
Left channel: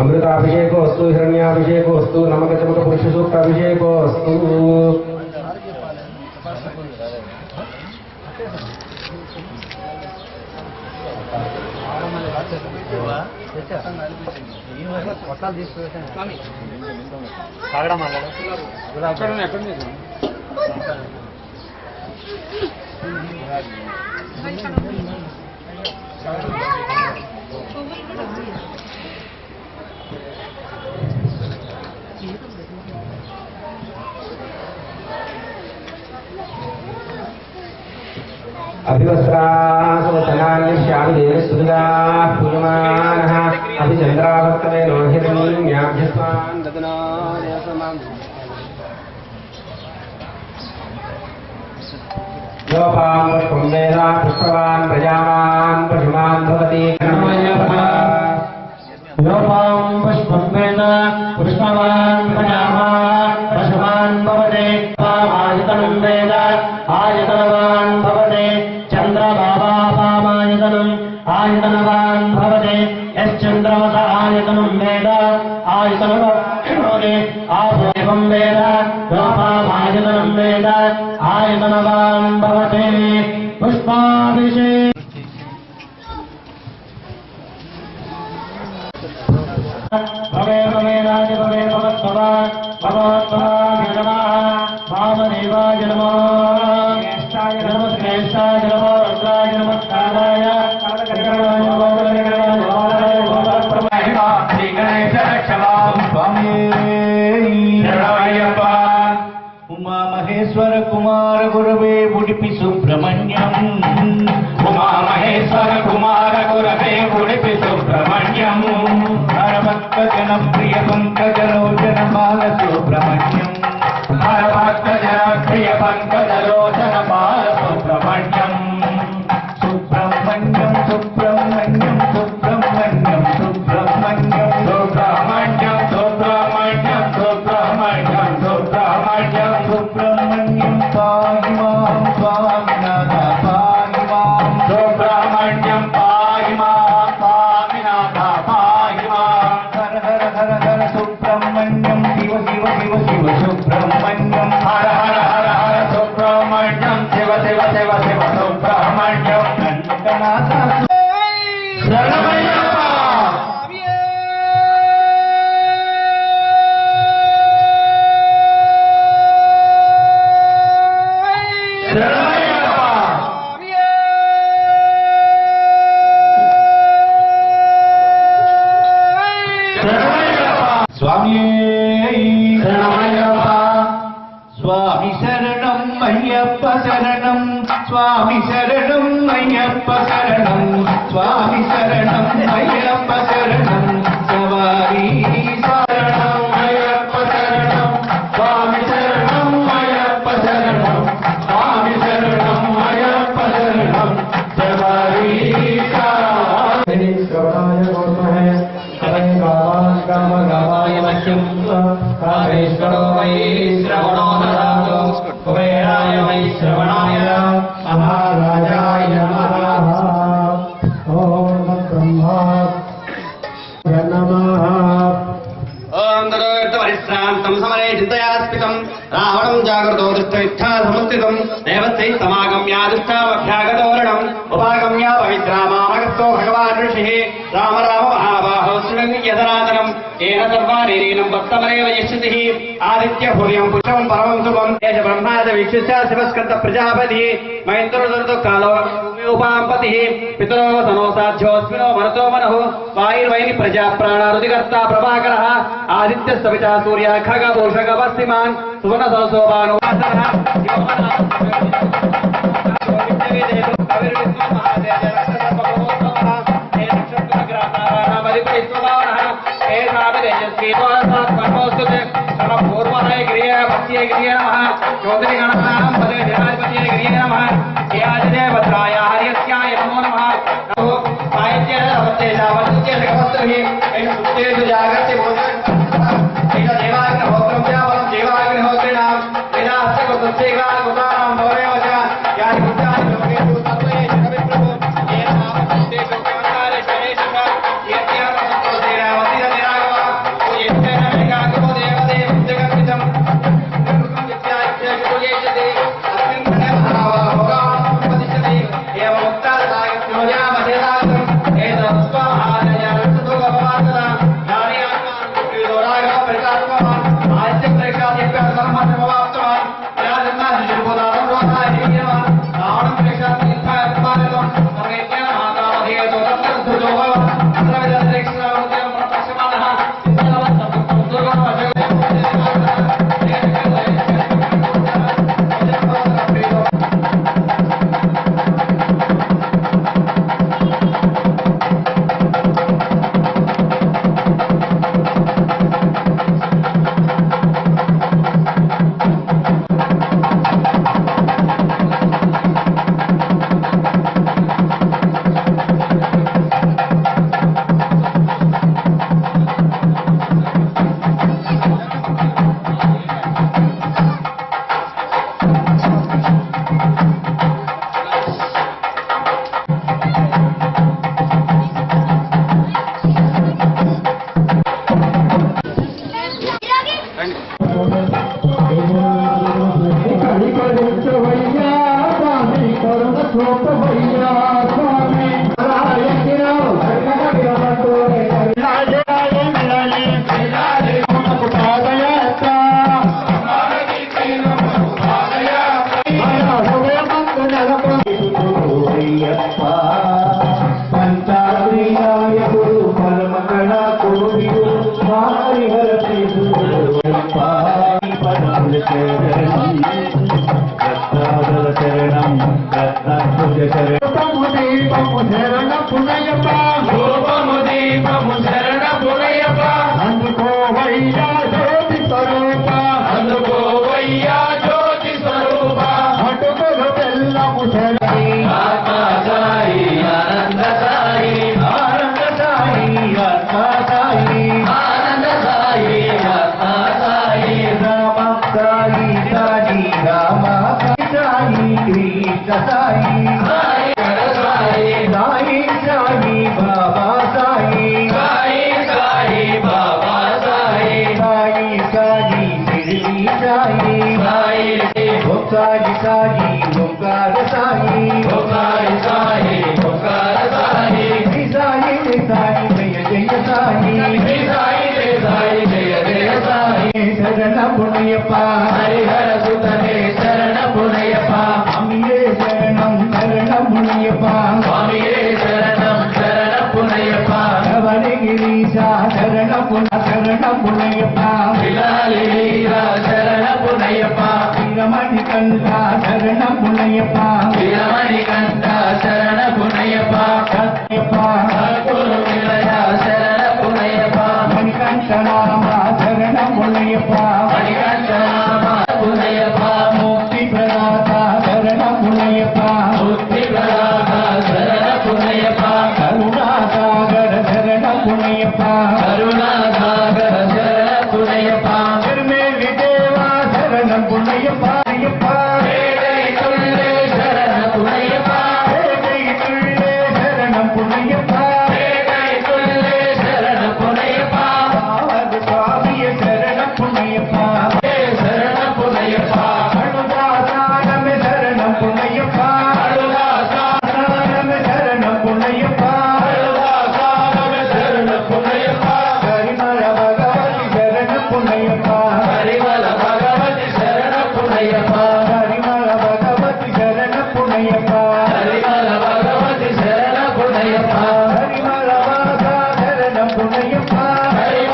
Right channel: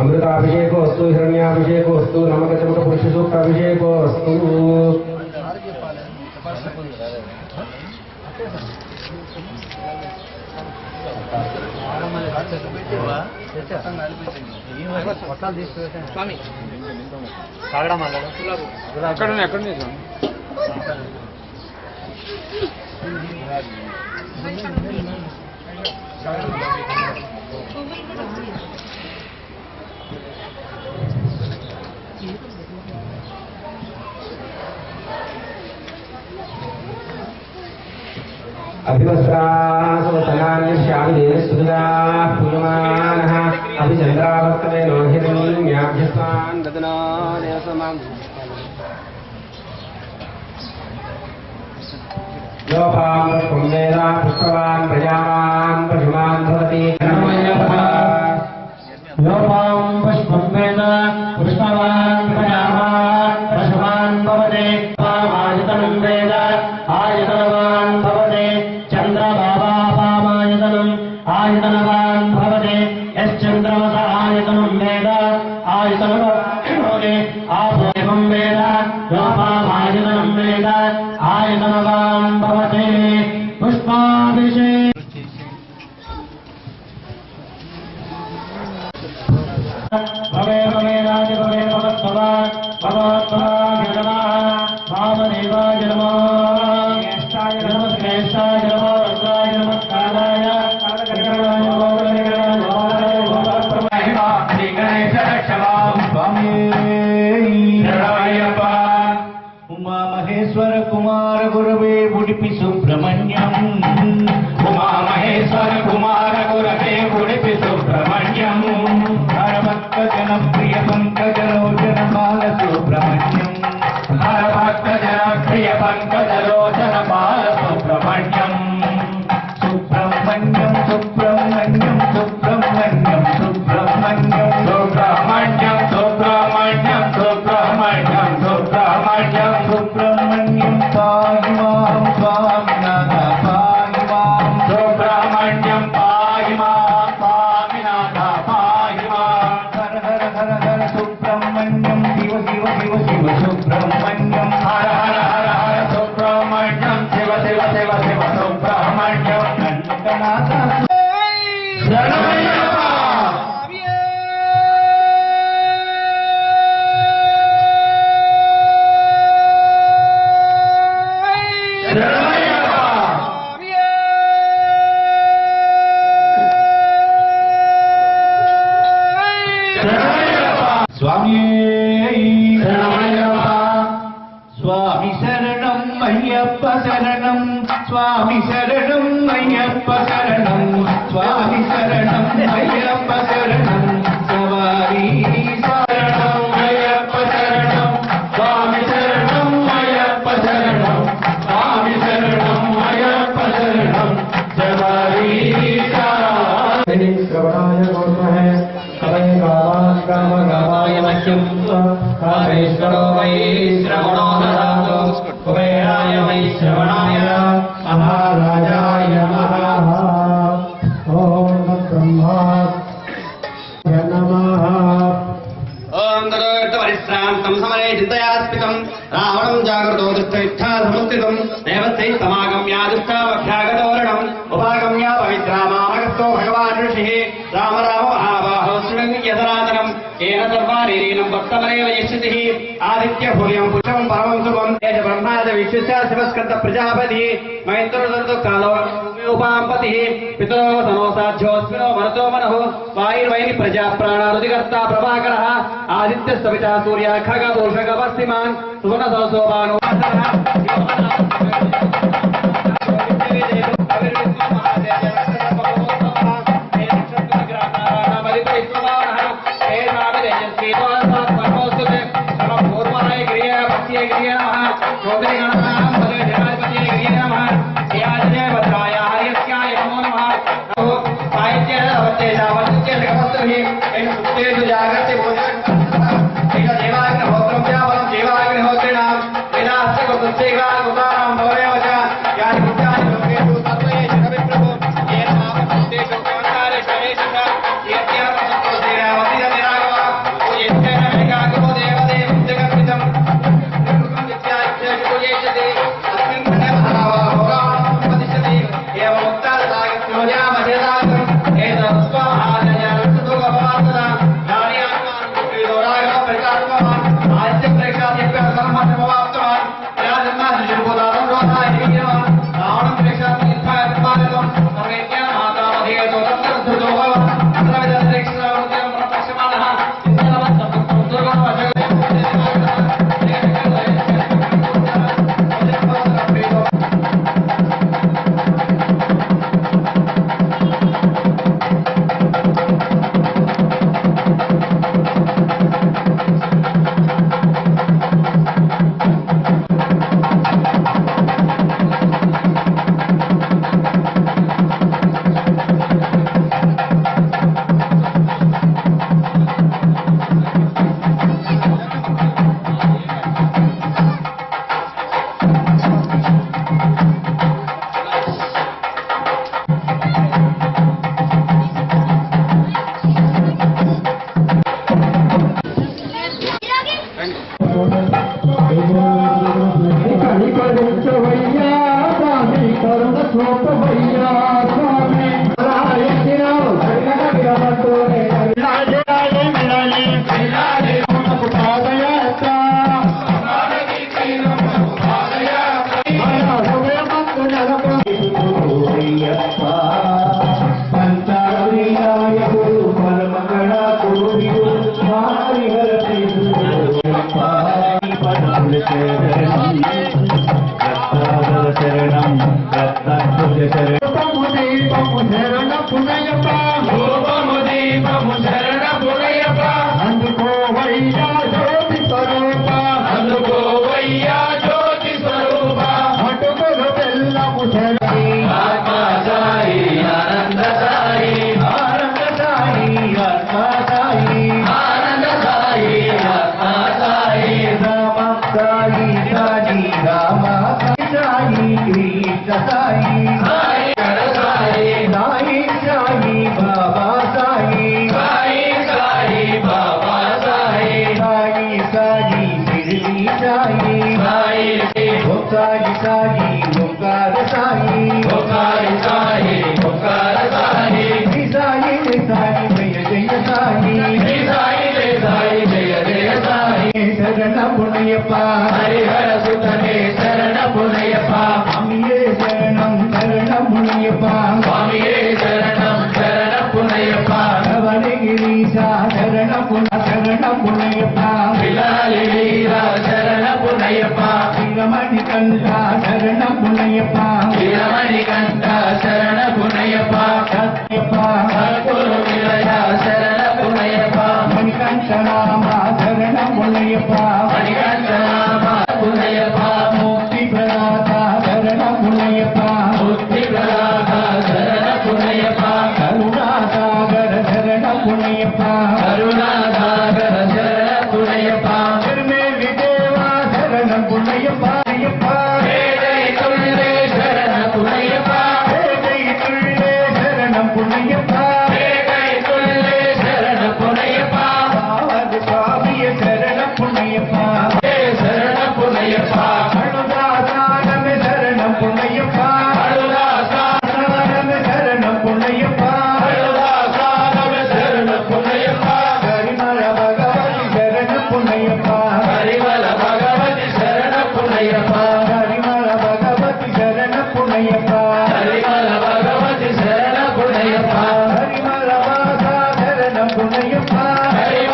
अमृताभिषेकोस्तु हिरण्याभिषेकोस्तु नमकचमक पुरुषसूक्ताभिषेकोस्तु అక్కడ अभिवस्त्रासवचनान्यश्याभिदेवस्तुतिदाः पूयमानः अभिचन्द्रावर्तवे लोहितमीम्याभ्यस्वान् ददनादेवसमाम् योपां पुष्पं वेद पुष्पवान् प्रजावान् पशुमान् भवति लोपां पुष्पं वेद पुष्पवान् प्रजावान् पशुमान् भवते पामायतनं वेद आयतनवान् भवते चन्द्रभावापामायतनम् आयतनवान् भवते यश्चन्द्रमस आयतनं वेद आयतनवते आभेवं वेद लोपामायतनं वेद आयतनवान् भवते पुष्पाभिषेक भवे भवेनाय भवे भवत्भवान् भवत्भवान् नमः वामदेवाय नमः ज्येष्ठाय नमः श्रेष्ठाय नमः रुद्राय नमः कालाय कालकर्णाय नमः श्री गणेश क्षमां स्वामी शरणायप्पा उमा महेश्वर कुमार गुरवे उडुपि सुब्रह्मण्यम् उमा महेश्वर कुमार गुरवे उडुपि सुब्रह्मण्यम् हरभक्त जनप्रिय पंकजलोचन बाल सुब्रह्मण्यम् हरभक्त जनप्रिय पंकजलोचन बाल सुब्रह्मण्यम् सुब्रह्मण्यम् सुब्रह्मण्यम् सुब्रह्मण्यम् सुब्रह्मण्यम् सुब्रह्मण्यम् सुब्रह्मण्यम् सुब्रह्मण्यम् सुब्रह्मण्यम् सुब्रह्मण्यम् पाहि मां स्वामिनाथ पाहि मां सुब्रह्मण्यम् पाहि मां स्वामिनाथ पाहि मां हर हर हर हर सुब्रह्मण्यम् शिव शिव शिव शिव सुब्रह्मण्यम् हर हर हर हर सुब्रह्मण्यम् शिव शिव शिव शिव सुब्रह्मण्यम् कण्ठनाथ शरणमయ్యప్ప स्वामी स्वामी शरणं अय्यप्प शरणं स्वामी शरणं अय्यप्प शरणं स्वामी शरणं अय्यप्प शरणं सवारी शरणं अय्यप्प शरणं स्वामी शरणं अय्यप्प शरणं स्वामी शरणं अय्यप्प शरणं श्रवणाय नमः कवये गावाय मह्यं कामेश्वरो वै श्रवणो ददातु कुबेराय वै श्रवणाय महाराजाय नमः ॐ ब्रह्मा नमः ओम परिश्रांतं समरे चिन्तयास्पितं रावणं जागृतो दृष्टविच्छा समुत्थितं देवस्यै समागम्या दृष्टावभ्यागतोरणम् उपागम्या पवित्रामामगतो भगवान् ऋषिः राम राम महाबाहो शृणुं यदनादनं येन सर्वानीनं भक्तमनेव यच्छतिः आदित्य भूयं पुष्पं परमं शुभं एष ब्रह्माद विश्वस्य शिवस्कन्द प्रजापतिः महेन्द्रदर्दो कालो उपाम्पतिः पितरो सनो साध्योऽस्मिनो मनतो मनः वायुर्वैनि प्रजा प्राणारुदिकर्ता प्रभाकरः आदित्य सविता सूर्य खगभूषगवस्तिमान् सुवर्णसोभानो శరణం రత్నభుజ శరణం దీపము శరణ పునయప రూపము దీపము శరణ పునయప అందుకోవయ్యా జ్యోతి స్వరూప అందుకోవయ్యా జ్యోతి స్వరూప అటుకులు బెల్లము శరణి ఆత్మా సాయి ఆనంద సాయి ఆనంద సాయి ఆత్మ సాయి ఆనంద సాయి ఆత్మా సాయి రామ సాయి సాయి రామ సాయి కృష్ణ సాయి సాయి హర సాయి సాయి సాయి బాబా సాయి సాయి సాయి బాబా సాయి సాయి సాయి శిరిడి సాయి సాయి సాయి సాయి ఓంకార సాయి ఓంకార సాయి ఓంకార సాయి శ్రీ సాయి జయ సాయి జయ జయ సాయి శ్రీ సాయి జయ సాయి జయ జయ సాయి శరణ పుణ్యప్ప హరిహర సుతనే శరణ పునయప్ప స్వామియే శరణం శరణ పుణ్యప్ప స్వామియే శరణం శరణ పునయప్ప శబరిగిరీశ శరణ పుణ్యప్ప విలాలి వీర శరణ పునయప్ప వీరమణి కంఠ శరణ పుణ్యప్ప వీరమణి కంఠ శరణ పునయప్ప సత్యప్ప సద్గురు విలయ శరణ పునయప్ప మణికంఠ నామ శరణ పుణ్యప్ప మణికంఠ నామ పునయప్ప ముక్తి ప్రదాత శరణ పుణ్యప్ప బుద్ధి ప్రదాత శరణ పునయప్ప కరుణాసాగర శరణ పుణ్యప్ప కరుణాసాగర శరణ పునయప్ప திருமேலி தேவா சரண புண்ணியப்ப వేదై తుళ్ళే శరణ పునయప్ప வேதை துள்ளே சரணம் புண்ணியப்ப వేదై తుళ్ళే శరణ పునయప్ప ஆவது சுவாமிய சரண புண்ணியப்ப శరణ పునయప్ప அழுதாசானமே சரணம் புண்ணியப்ப అడుగాసానమే சரணம் புண்ணியப்ப అడుగాసానమే శరణ పునయప్ప கரிமல பகவதி சரண புண்ணியப்ப హరివల భగవతి శరణ పునయప్ప கரிமல பகவதி சரண புண்ணியப்ப హరివల భగవతి శరణ పునయప్ప கரிமல வாசா சரண புண்ணியப்ப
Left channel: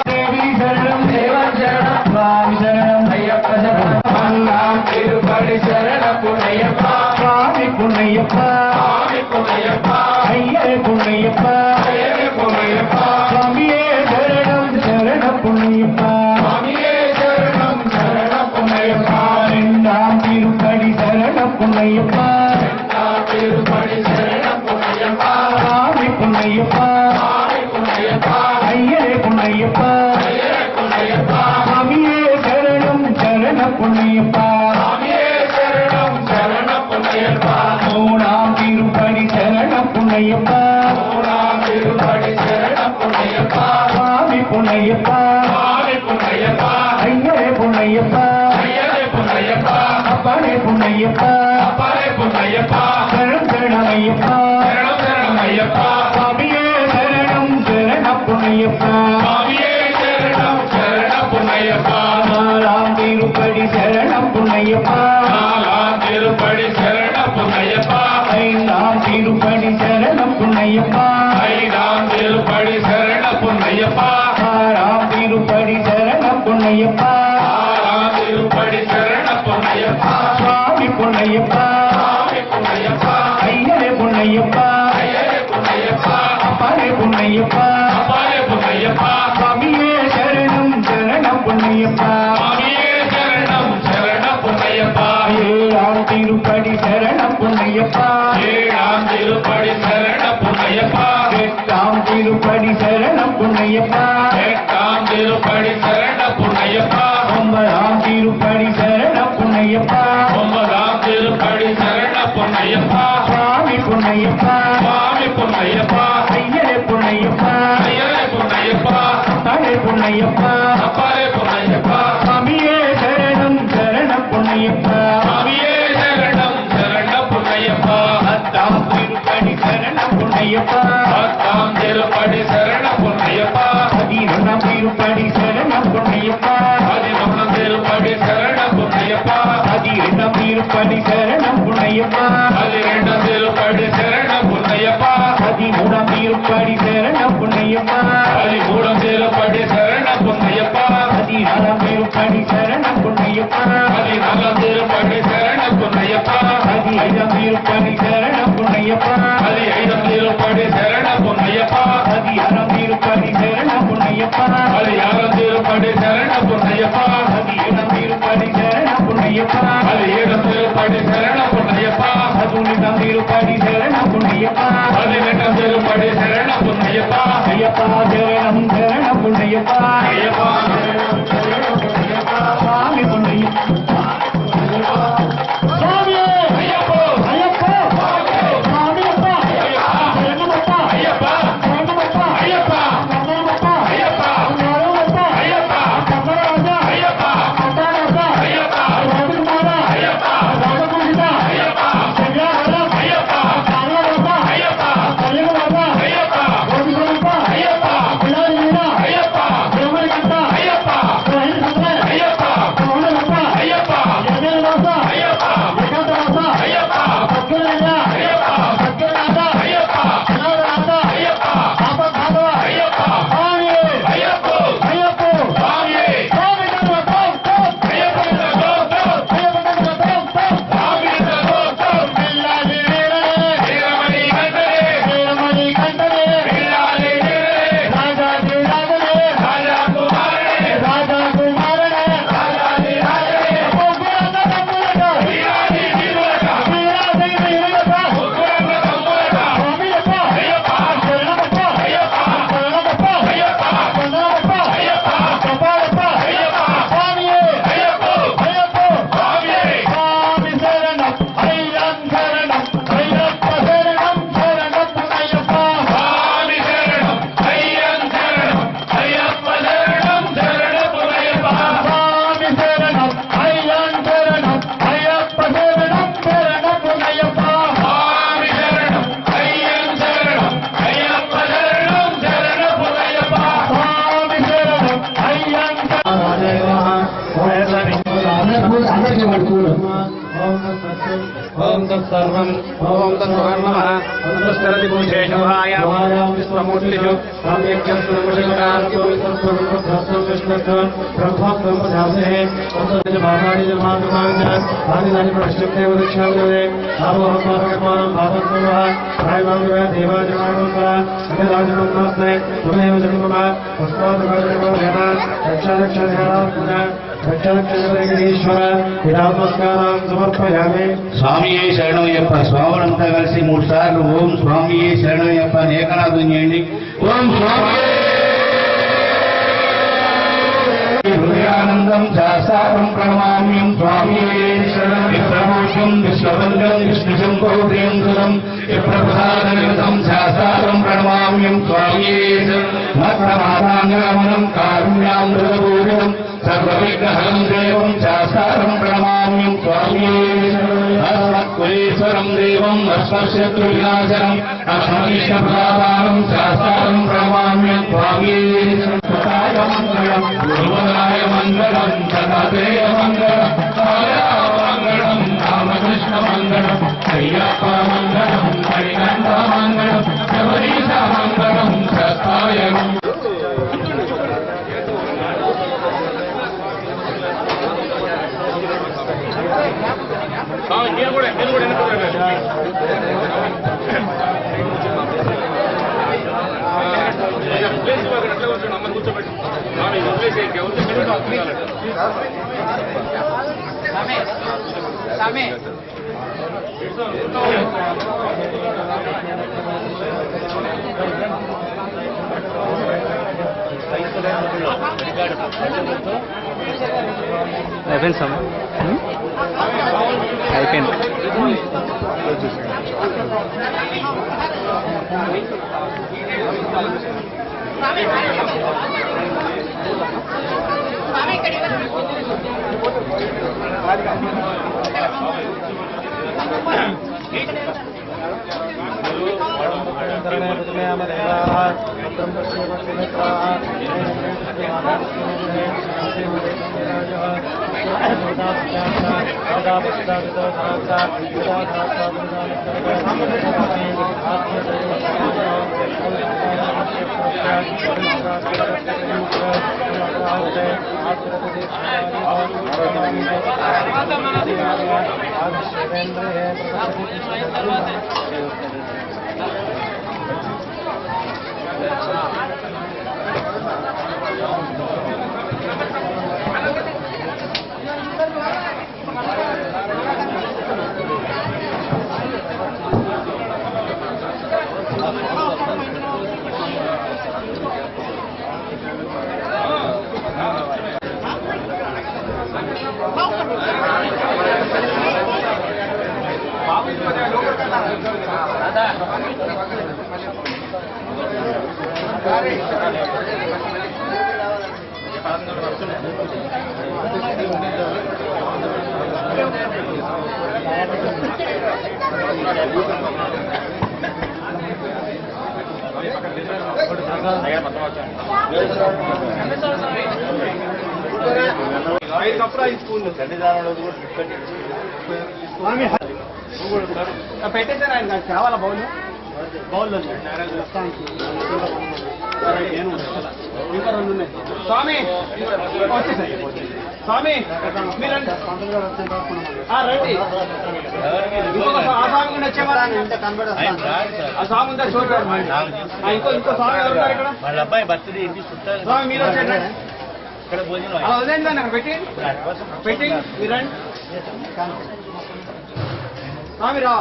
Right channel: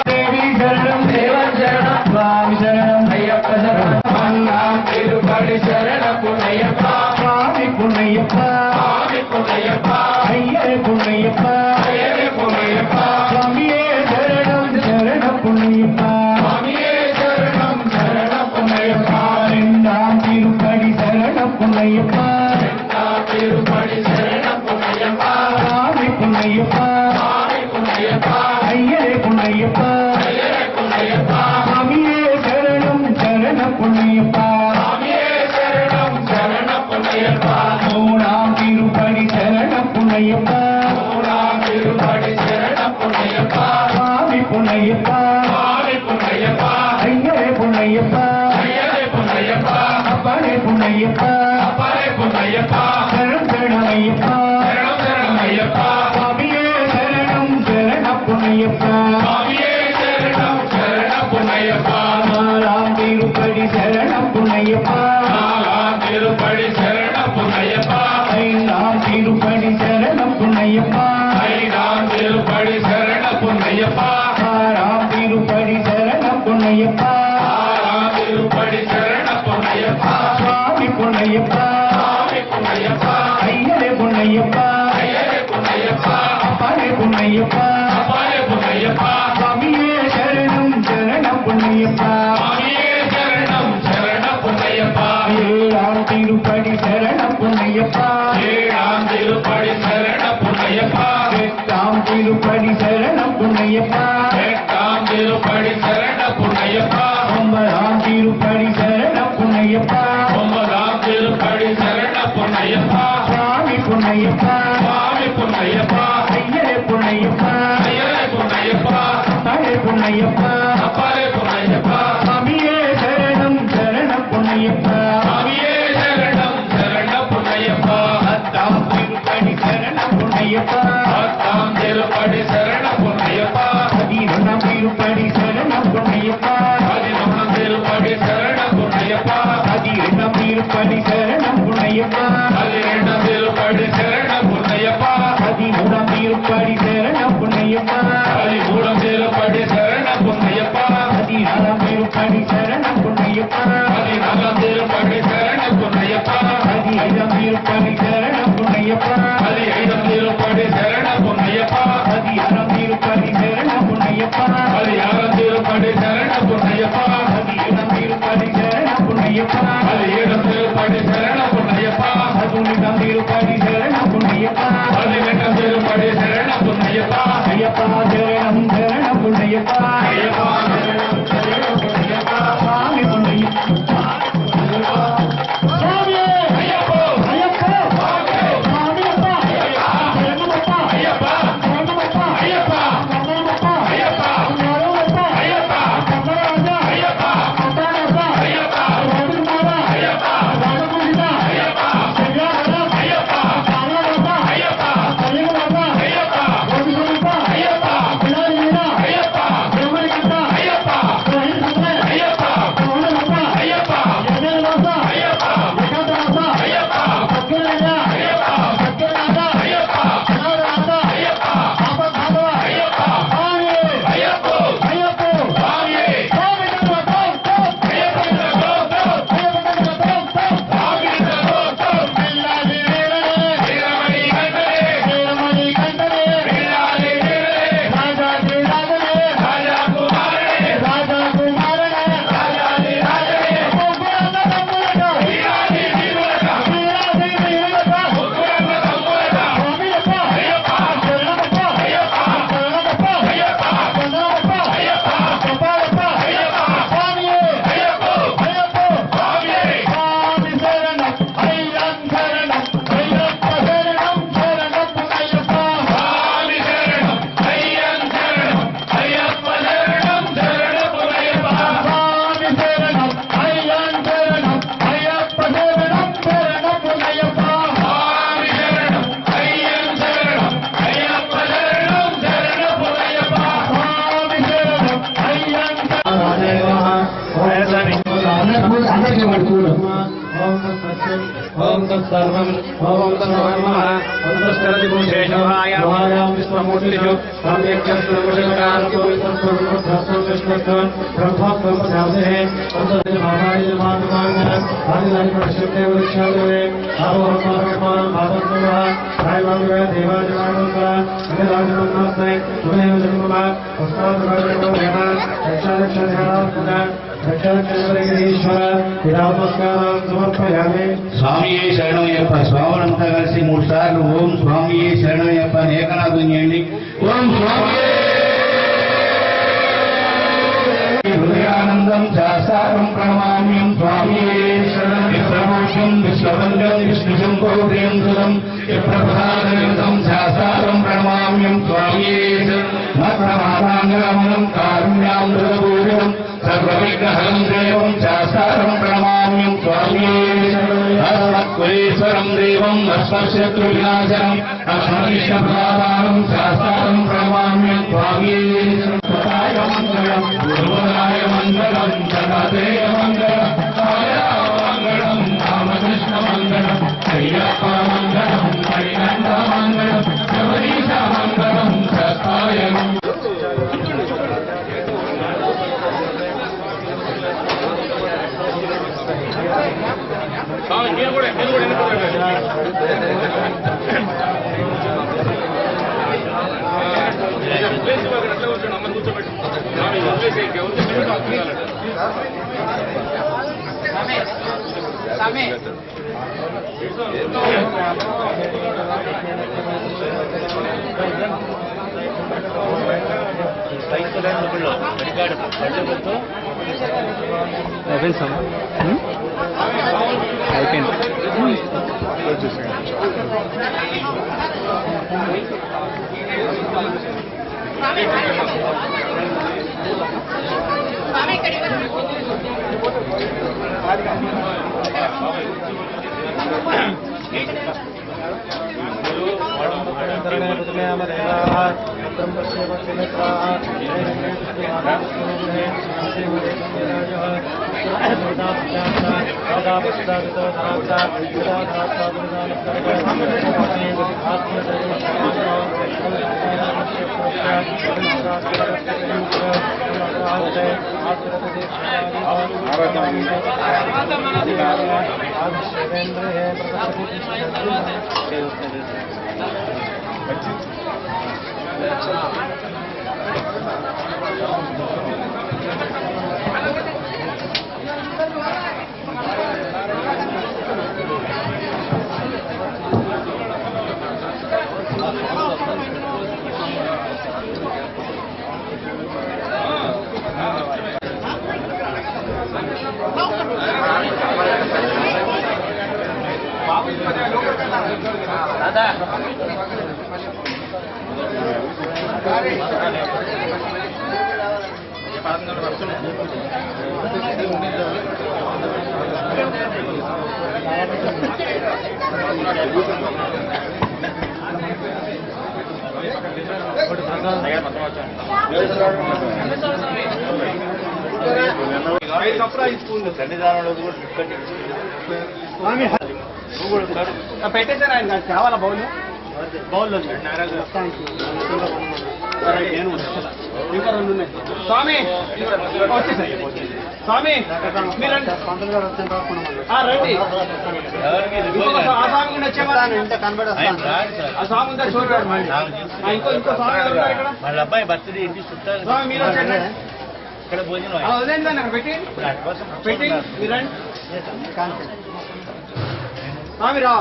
தேவி சரணம் దేవం శరణం சுவாமி சரணம் అయ్యప్ప శరణం மல்லாம் తిరుపతి శరణ పునయప్ప சுவாமி புண்ணியப்ப స్వామి పునయప్ప ஐயரே புண்ணியப்ப అయ్యప్ప పునయప్ప சுவாமியே சரணம் சரண புண்ணியப்ப స్వామియే శరణం శరణ పునయప్ప ரெண்டாம் திருப்படி சரண புண்ணியப்ப తిరుపతి శరణ పునయప్ప சுவாமி புண்ணியப்ப స్వామి పునయప్ప ஐயரே புண்ணியப்ப అయ్యప్ప పునయప్ప சுவாமியே சரணம் சரண புண்ணியப்ப స్వామియే శరణం శరణ పునయప్ప மூணாம் திருப்படி சரண புண்ணியப்ப తిరుపతి శరణ పునయప్ప சுவாமி புண்ணியப்ப స్వామి పునయప్ప ஐயரே புண்ணியப்ப అయ్యప్ప పునయప్ప அப்பனே புண்ணியப்ப అపరే పునయప్ప சரணம் சரணமையப்ப శరణం శరణమయ్యప్ప சுவாமியே சரணம் சரண புண்ணியப்ப స్వామియే శరణం శరణ పునయప్ప நாலாம் திருப்படி சரண புண்ணியப்ப నాలాం తిరుపతి శరణ పునయప్ప ஐந்தாம் திருப்படி சரண புண்ணியப்ப ఐదాం తిరుపతి శరణ పునయప్ప ஆறாம் திருப்படி சரண புண்ணியப்ப ఆరాం తిరుపతి శరణ పునయప్ప சுவாமி புண்ணியப்ப స్వామి పునయప్ప ஐயரே புண்ணியப்ப అయ్యప్ప పునయప్ప அப்பனே புண்ணியப்ப అపరే పునయప్ప சுவாமியே சரணம் சரண புண்ணியப்ப స్వామియే శరణం శరణ పునయప్ప ஏழாம் திருப்படி சரண புண்ணியப்ப ఏడాం తిరుపతి శరణ పునయప్ప எட்டாம் திருப்படி சரண புண்ணியப்ப ఎట్టాం తిరుపతి శరణ పునయప్ప ஒன்பதாம் திருப்படி சரண புண்ணியப்ப ఒంబదాం తిరుపతి శరణ పునయప్ప சுவாமி புண்ணியப்ப స్వామి పునయప్ప ஐயரே புண்ணியப்ப అయ్యప్ప పునయప్ప தடை புண்ணியப்ப అపరే పునయప్ప சுவாமியே சரணம் சரண புண்ணியப்ப స్వామియే శరణం శరణ పునయప్ప பத்தாம் திருப்படி சரண புண்ணியப்ப పద్దాం తిరుపతి శరణ పునయప్ప பதினொன்றாம் திருப்படி சரண புண்ணியப்ப 11 తిరుపతి శరణ పునయప్ప பதிரெண்டாம் திருப்படி சரண புண்ணியப்ப 12 తిరుపతి శరణ పునయప్ప பதிமூணாம் திருப்படி சரண புண்ணியப்ப 13 తిరుపతి శరణ పునయప్ప பதினாறாம் திருப்படி சரண புண்ணியப்ப 14 తిరుపతి శరణ పునయప్ప తిరుపతి శరణ పుణ్యప్ప 15 తిరుపతి శరణ పుణ్యప్ప 16 తిరుపతి శరణ పుణ్యప్ప 16 తిరుపతి శరణ పుణ్యప్ప 17 తిరుపతి శరణ పుణ్యప్ప 17 తిరుపతి శరణ పుణ్యప్ప 18 తిరుపతి శరణ పుణ్యప్ప 18 తిరుపతి శరణ పుణ్యప్ప అయ్యప్ప శరణం శరణ పుణ్యప్ప అయ్యప్ప శరణం పుణ్యప్ప స్వామి పుణ్యప్ప స్వామి అయ్యప్ప అయ్యప్ప స్వామి అయ్యప్ప శరణమప్ప అయ్యప్ప శరణమప్ప అయ్యప్ప శరణమప్ప అయ్యప్ప నారమప్ప అయ్యప్ప కమలరాజ అయ్యప్ప కమలరాజ అయ్యప్ప రాజకుమార అయ్యప్ప రాజకుమార అయ్యప్ప శరణం అయ్యప్ప కామలరాజ అయ్యప్ప శరణమప్ప అయ్యప్ప రాజకుమారప్ప అయ్యప్ప బిలారిన అయ్యప్ప దేవరికంట అయ్యప్ప రహిత అయ్యప్ప కమలరప్ప అయ్యప్ప జగన్వాస అయ్యప్ప ఏకాంతవాస అయ్యప్ప సత్యరాజ అయ్యప్ప సత్యరాజ అయ్యప్ప నారాయణ అయ్యప్ప ఆపద్బాంధవ అయ్యప్ప స్వామి అయ్యప్ప అయ్యప్ప స్వామి స్వామి తండ్రి అయ్యప్ప స్వామి పిల్లాడి వీరమణి కంటరే వీరమణి కంటనే వీరాలి రాజాది రాజనే రాజా కుమారుడే రాజా కుమారనే రాజాది రాజే ముగ్గురన్న తమ్ములట వీరాలి వీరులట వీరాది వీరులట ముగ్గురన్న తమ్ములట స్వామియప్ప అయ్యప్ప శరణమప్ప అయ్యప్ప శరణమప్ప అయ్యప్ప చంద్రమప్ప అయ్యప్ప కపాలప్ప అయ్యప్ప స్వామి అయ్యప్ప అయ్యప్ప స్వామి స్వామి శరణం అయ్యం శరణం అయ్యప్ప శరణం శరణం అయ్యప్ప స్వామి శరణం అయ్యం శరణం అయ్యప్ప శరణం శరణపురయ్యప్ప స్వామి శరణం అయ్యం శరణం అయ్యప్ప శరణం శరణం అయ్యప్ప స్వామి శరణం అయ్యం శరణం అయ్యప్ప శరణం శరణపురయ్యప్ప స్వామి శరణం అయ్యం అందరికీ పడుకోవడం ఓం తత్సర్వం ఓం తత్సర్వం నమస్కరతి భూషేషాయ విశ్వమూర్తిషు సమర్పయామి స్వామియే శరణమయ్యప్ప స్వాములంతా కలిసి 3 సార్లు ఓం స్వామియే శరణమయ్యప్ప అని ఏకనాథం చేయండి ఓం స్వామియే హృదయానందం శాస్త్రం ప్రణమామ్యం స్వామియే శరణం విప్రమోషం విశ్వవందం విష్ణుశంభోదయం సురం విప్రప్రసాదనితం శాస్త్రం ప్రణమామ్యం స్వామియే మత్ప్రమాదాంగమనం కారుణ్యామృతపూరితం సర్వవిఘ్నహరం దేవం శాస్త్రం ప్రణమామ్యం స్వామియే అస్మత్కులేశ్వరం దేవం అస్మశత్రు వినాశనం అస్మవిష్ణప్రదానం శాస్త్రం ప్రణమామ్యం స్వామియే సదాయ మంగళం గురువరాయ మంగళం సదాదేయ మంగళం మంగళం రామకృష్ణ మంగళం అయ్యప్ప మంగళం హరికంఠ మంగళం శబరీశ మంగళం సత్తాయ మహారాజ్ పెట్టేశారు ఆయన కావాలా బౌల్ బౌల్ ఇంకా రెండు ఉన్నాయి స్వామి వచ్చేసాయి స్వామి మీరు రండి ఇంకొక ఆ స్వామి కూడా వచ్చేవారు ఆ స్వామి ఉందా చూడండి ఇంకో స్వామి ఎవరు ఉన్నారు ఇక్కడ వాళ్ళ అబ్బాయి బర్త్డే ఇంటి చుట్టాలు స్వామి మీరు వచ్చండి ఇక్కడ భోజనం అలా వదిలేండి అక్కడ పెట్టి పెట్టి మీరు రండి స్వామి రా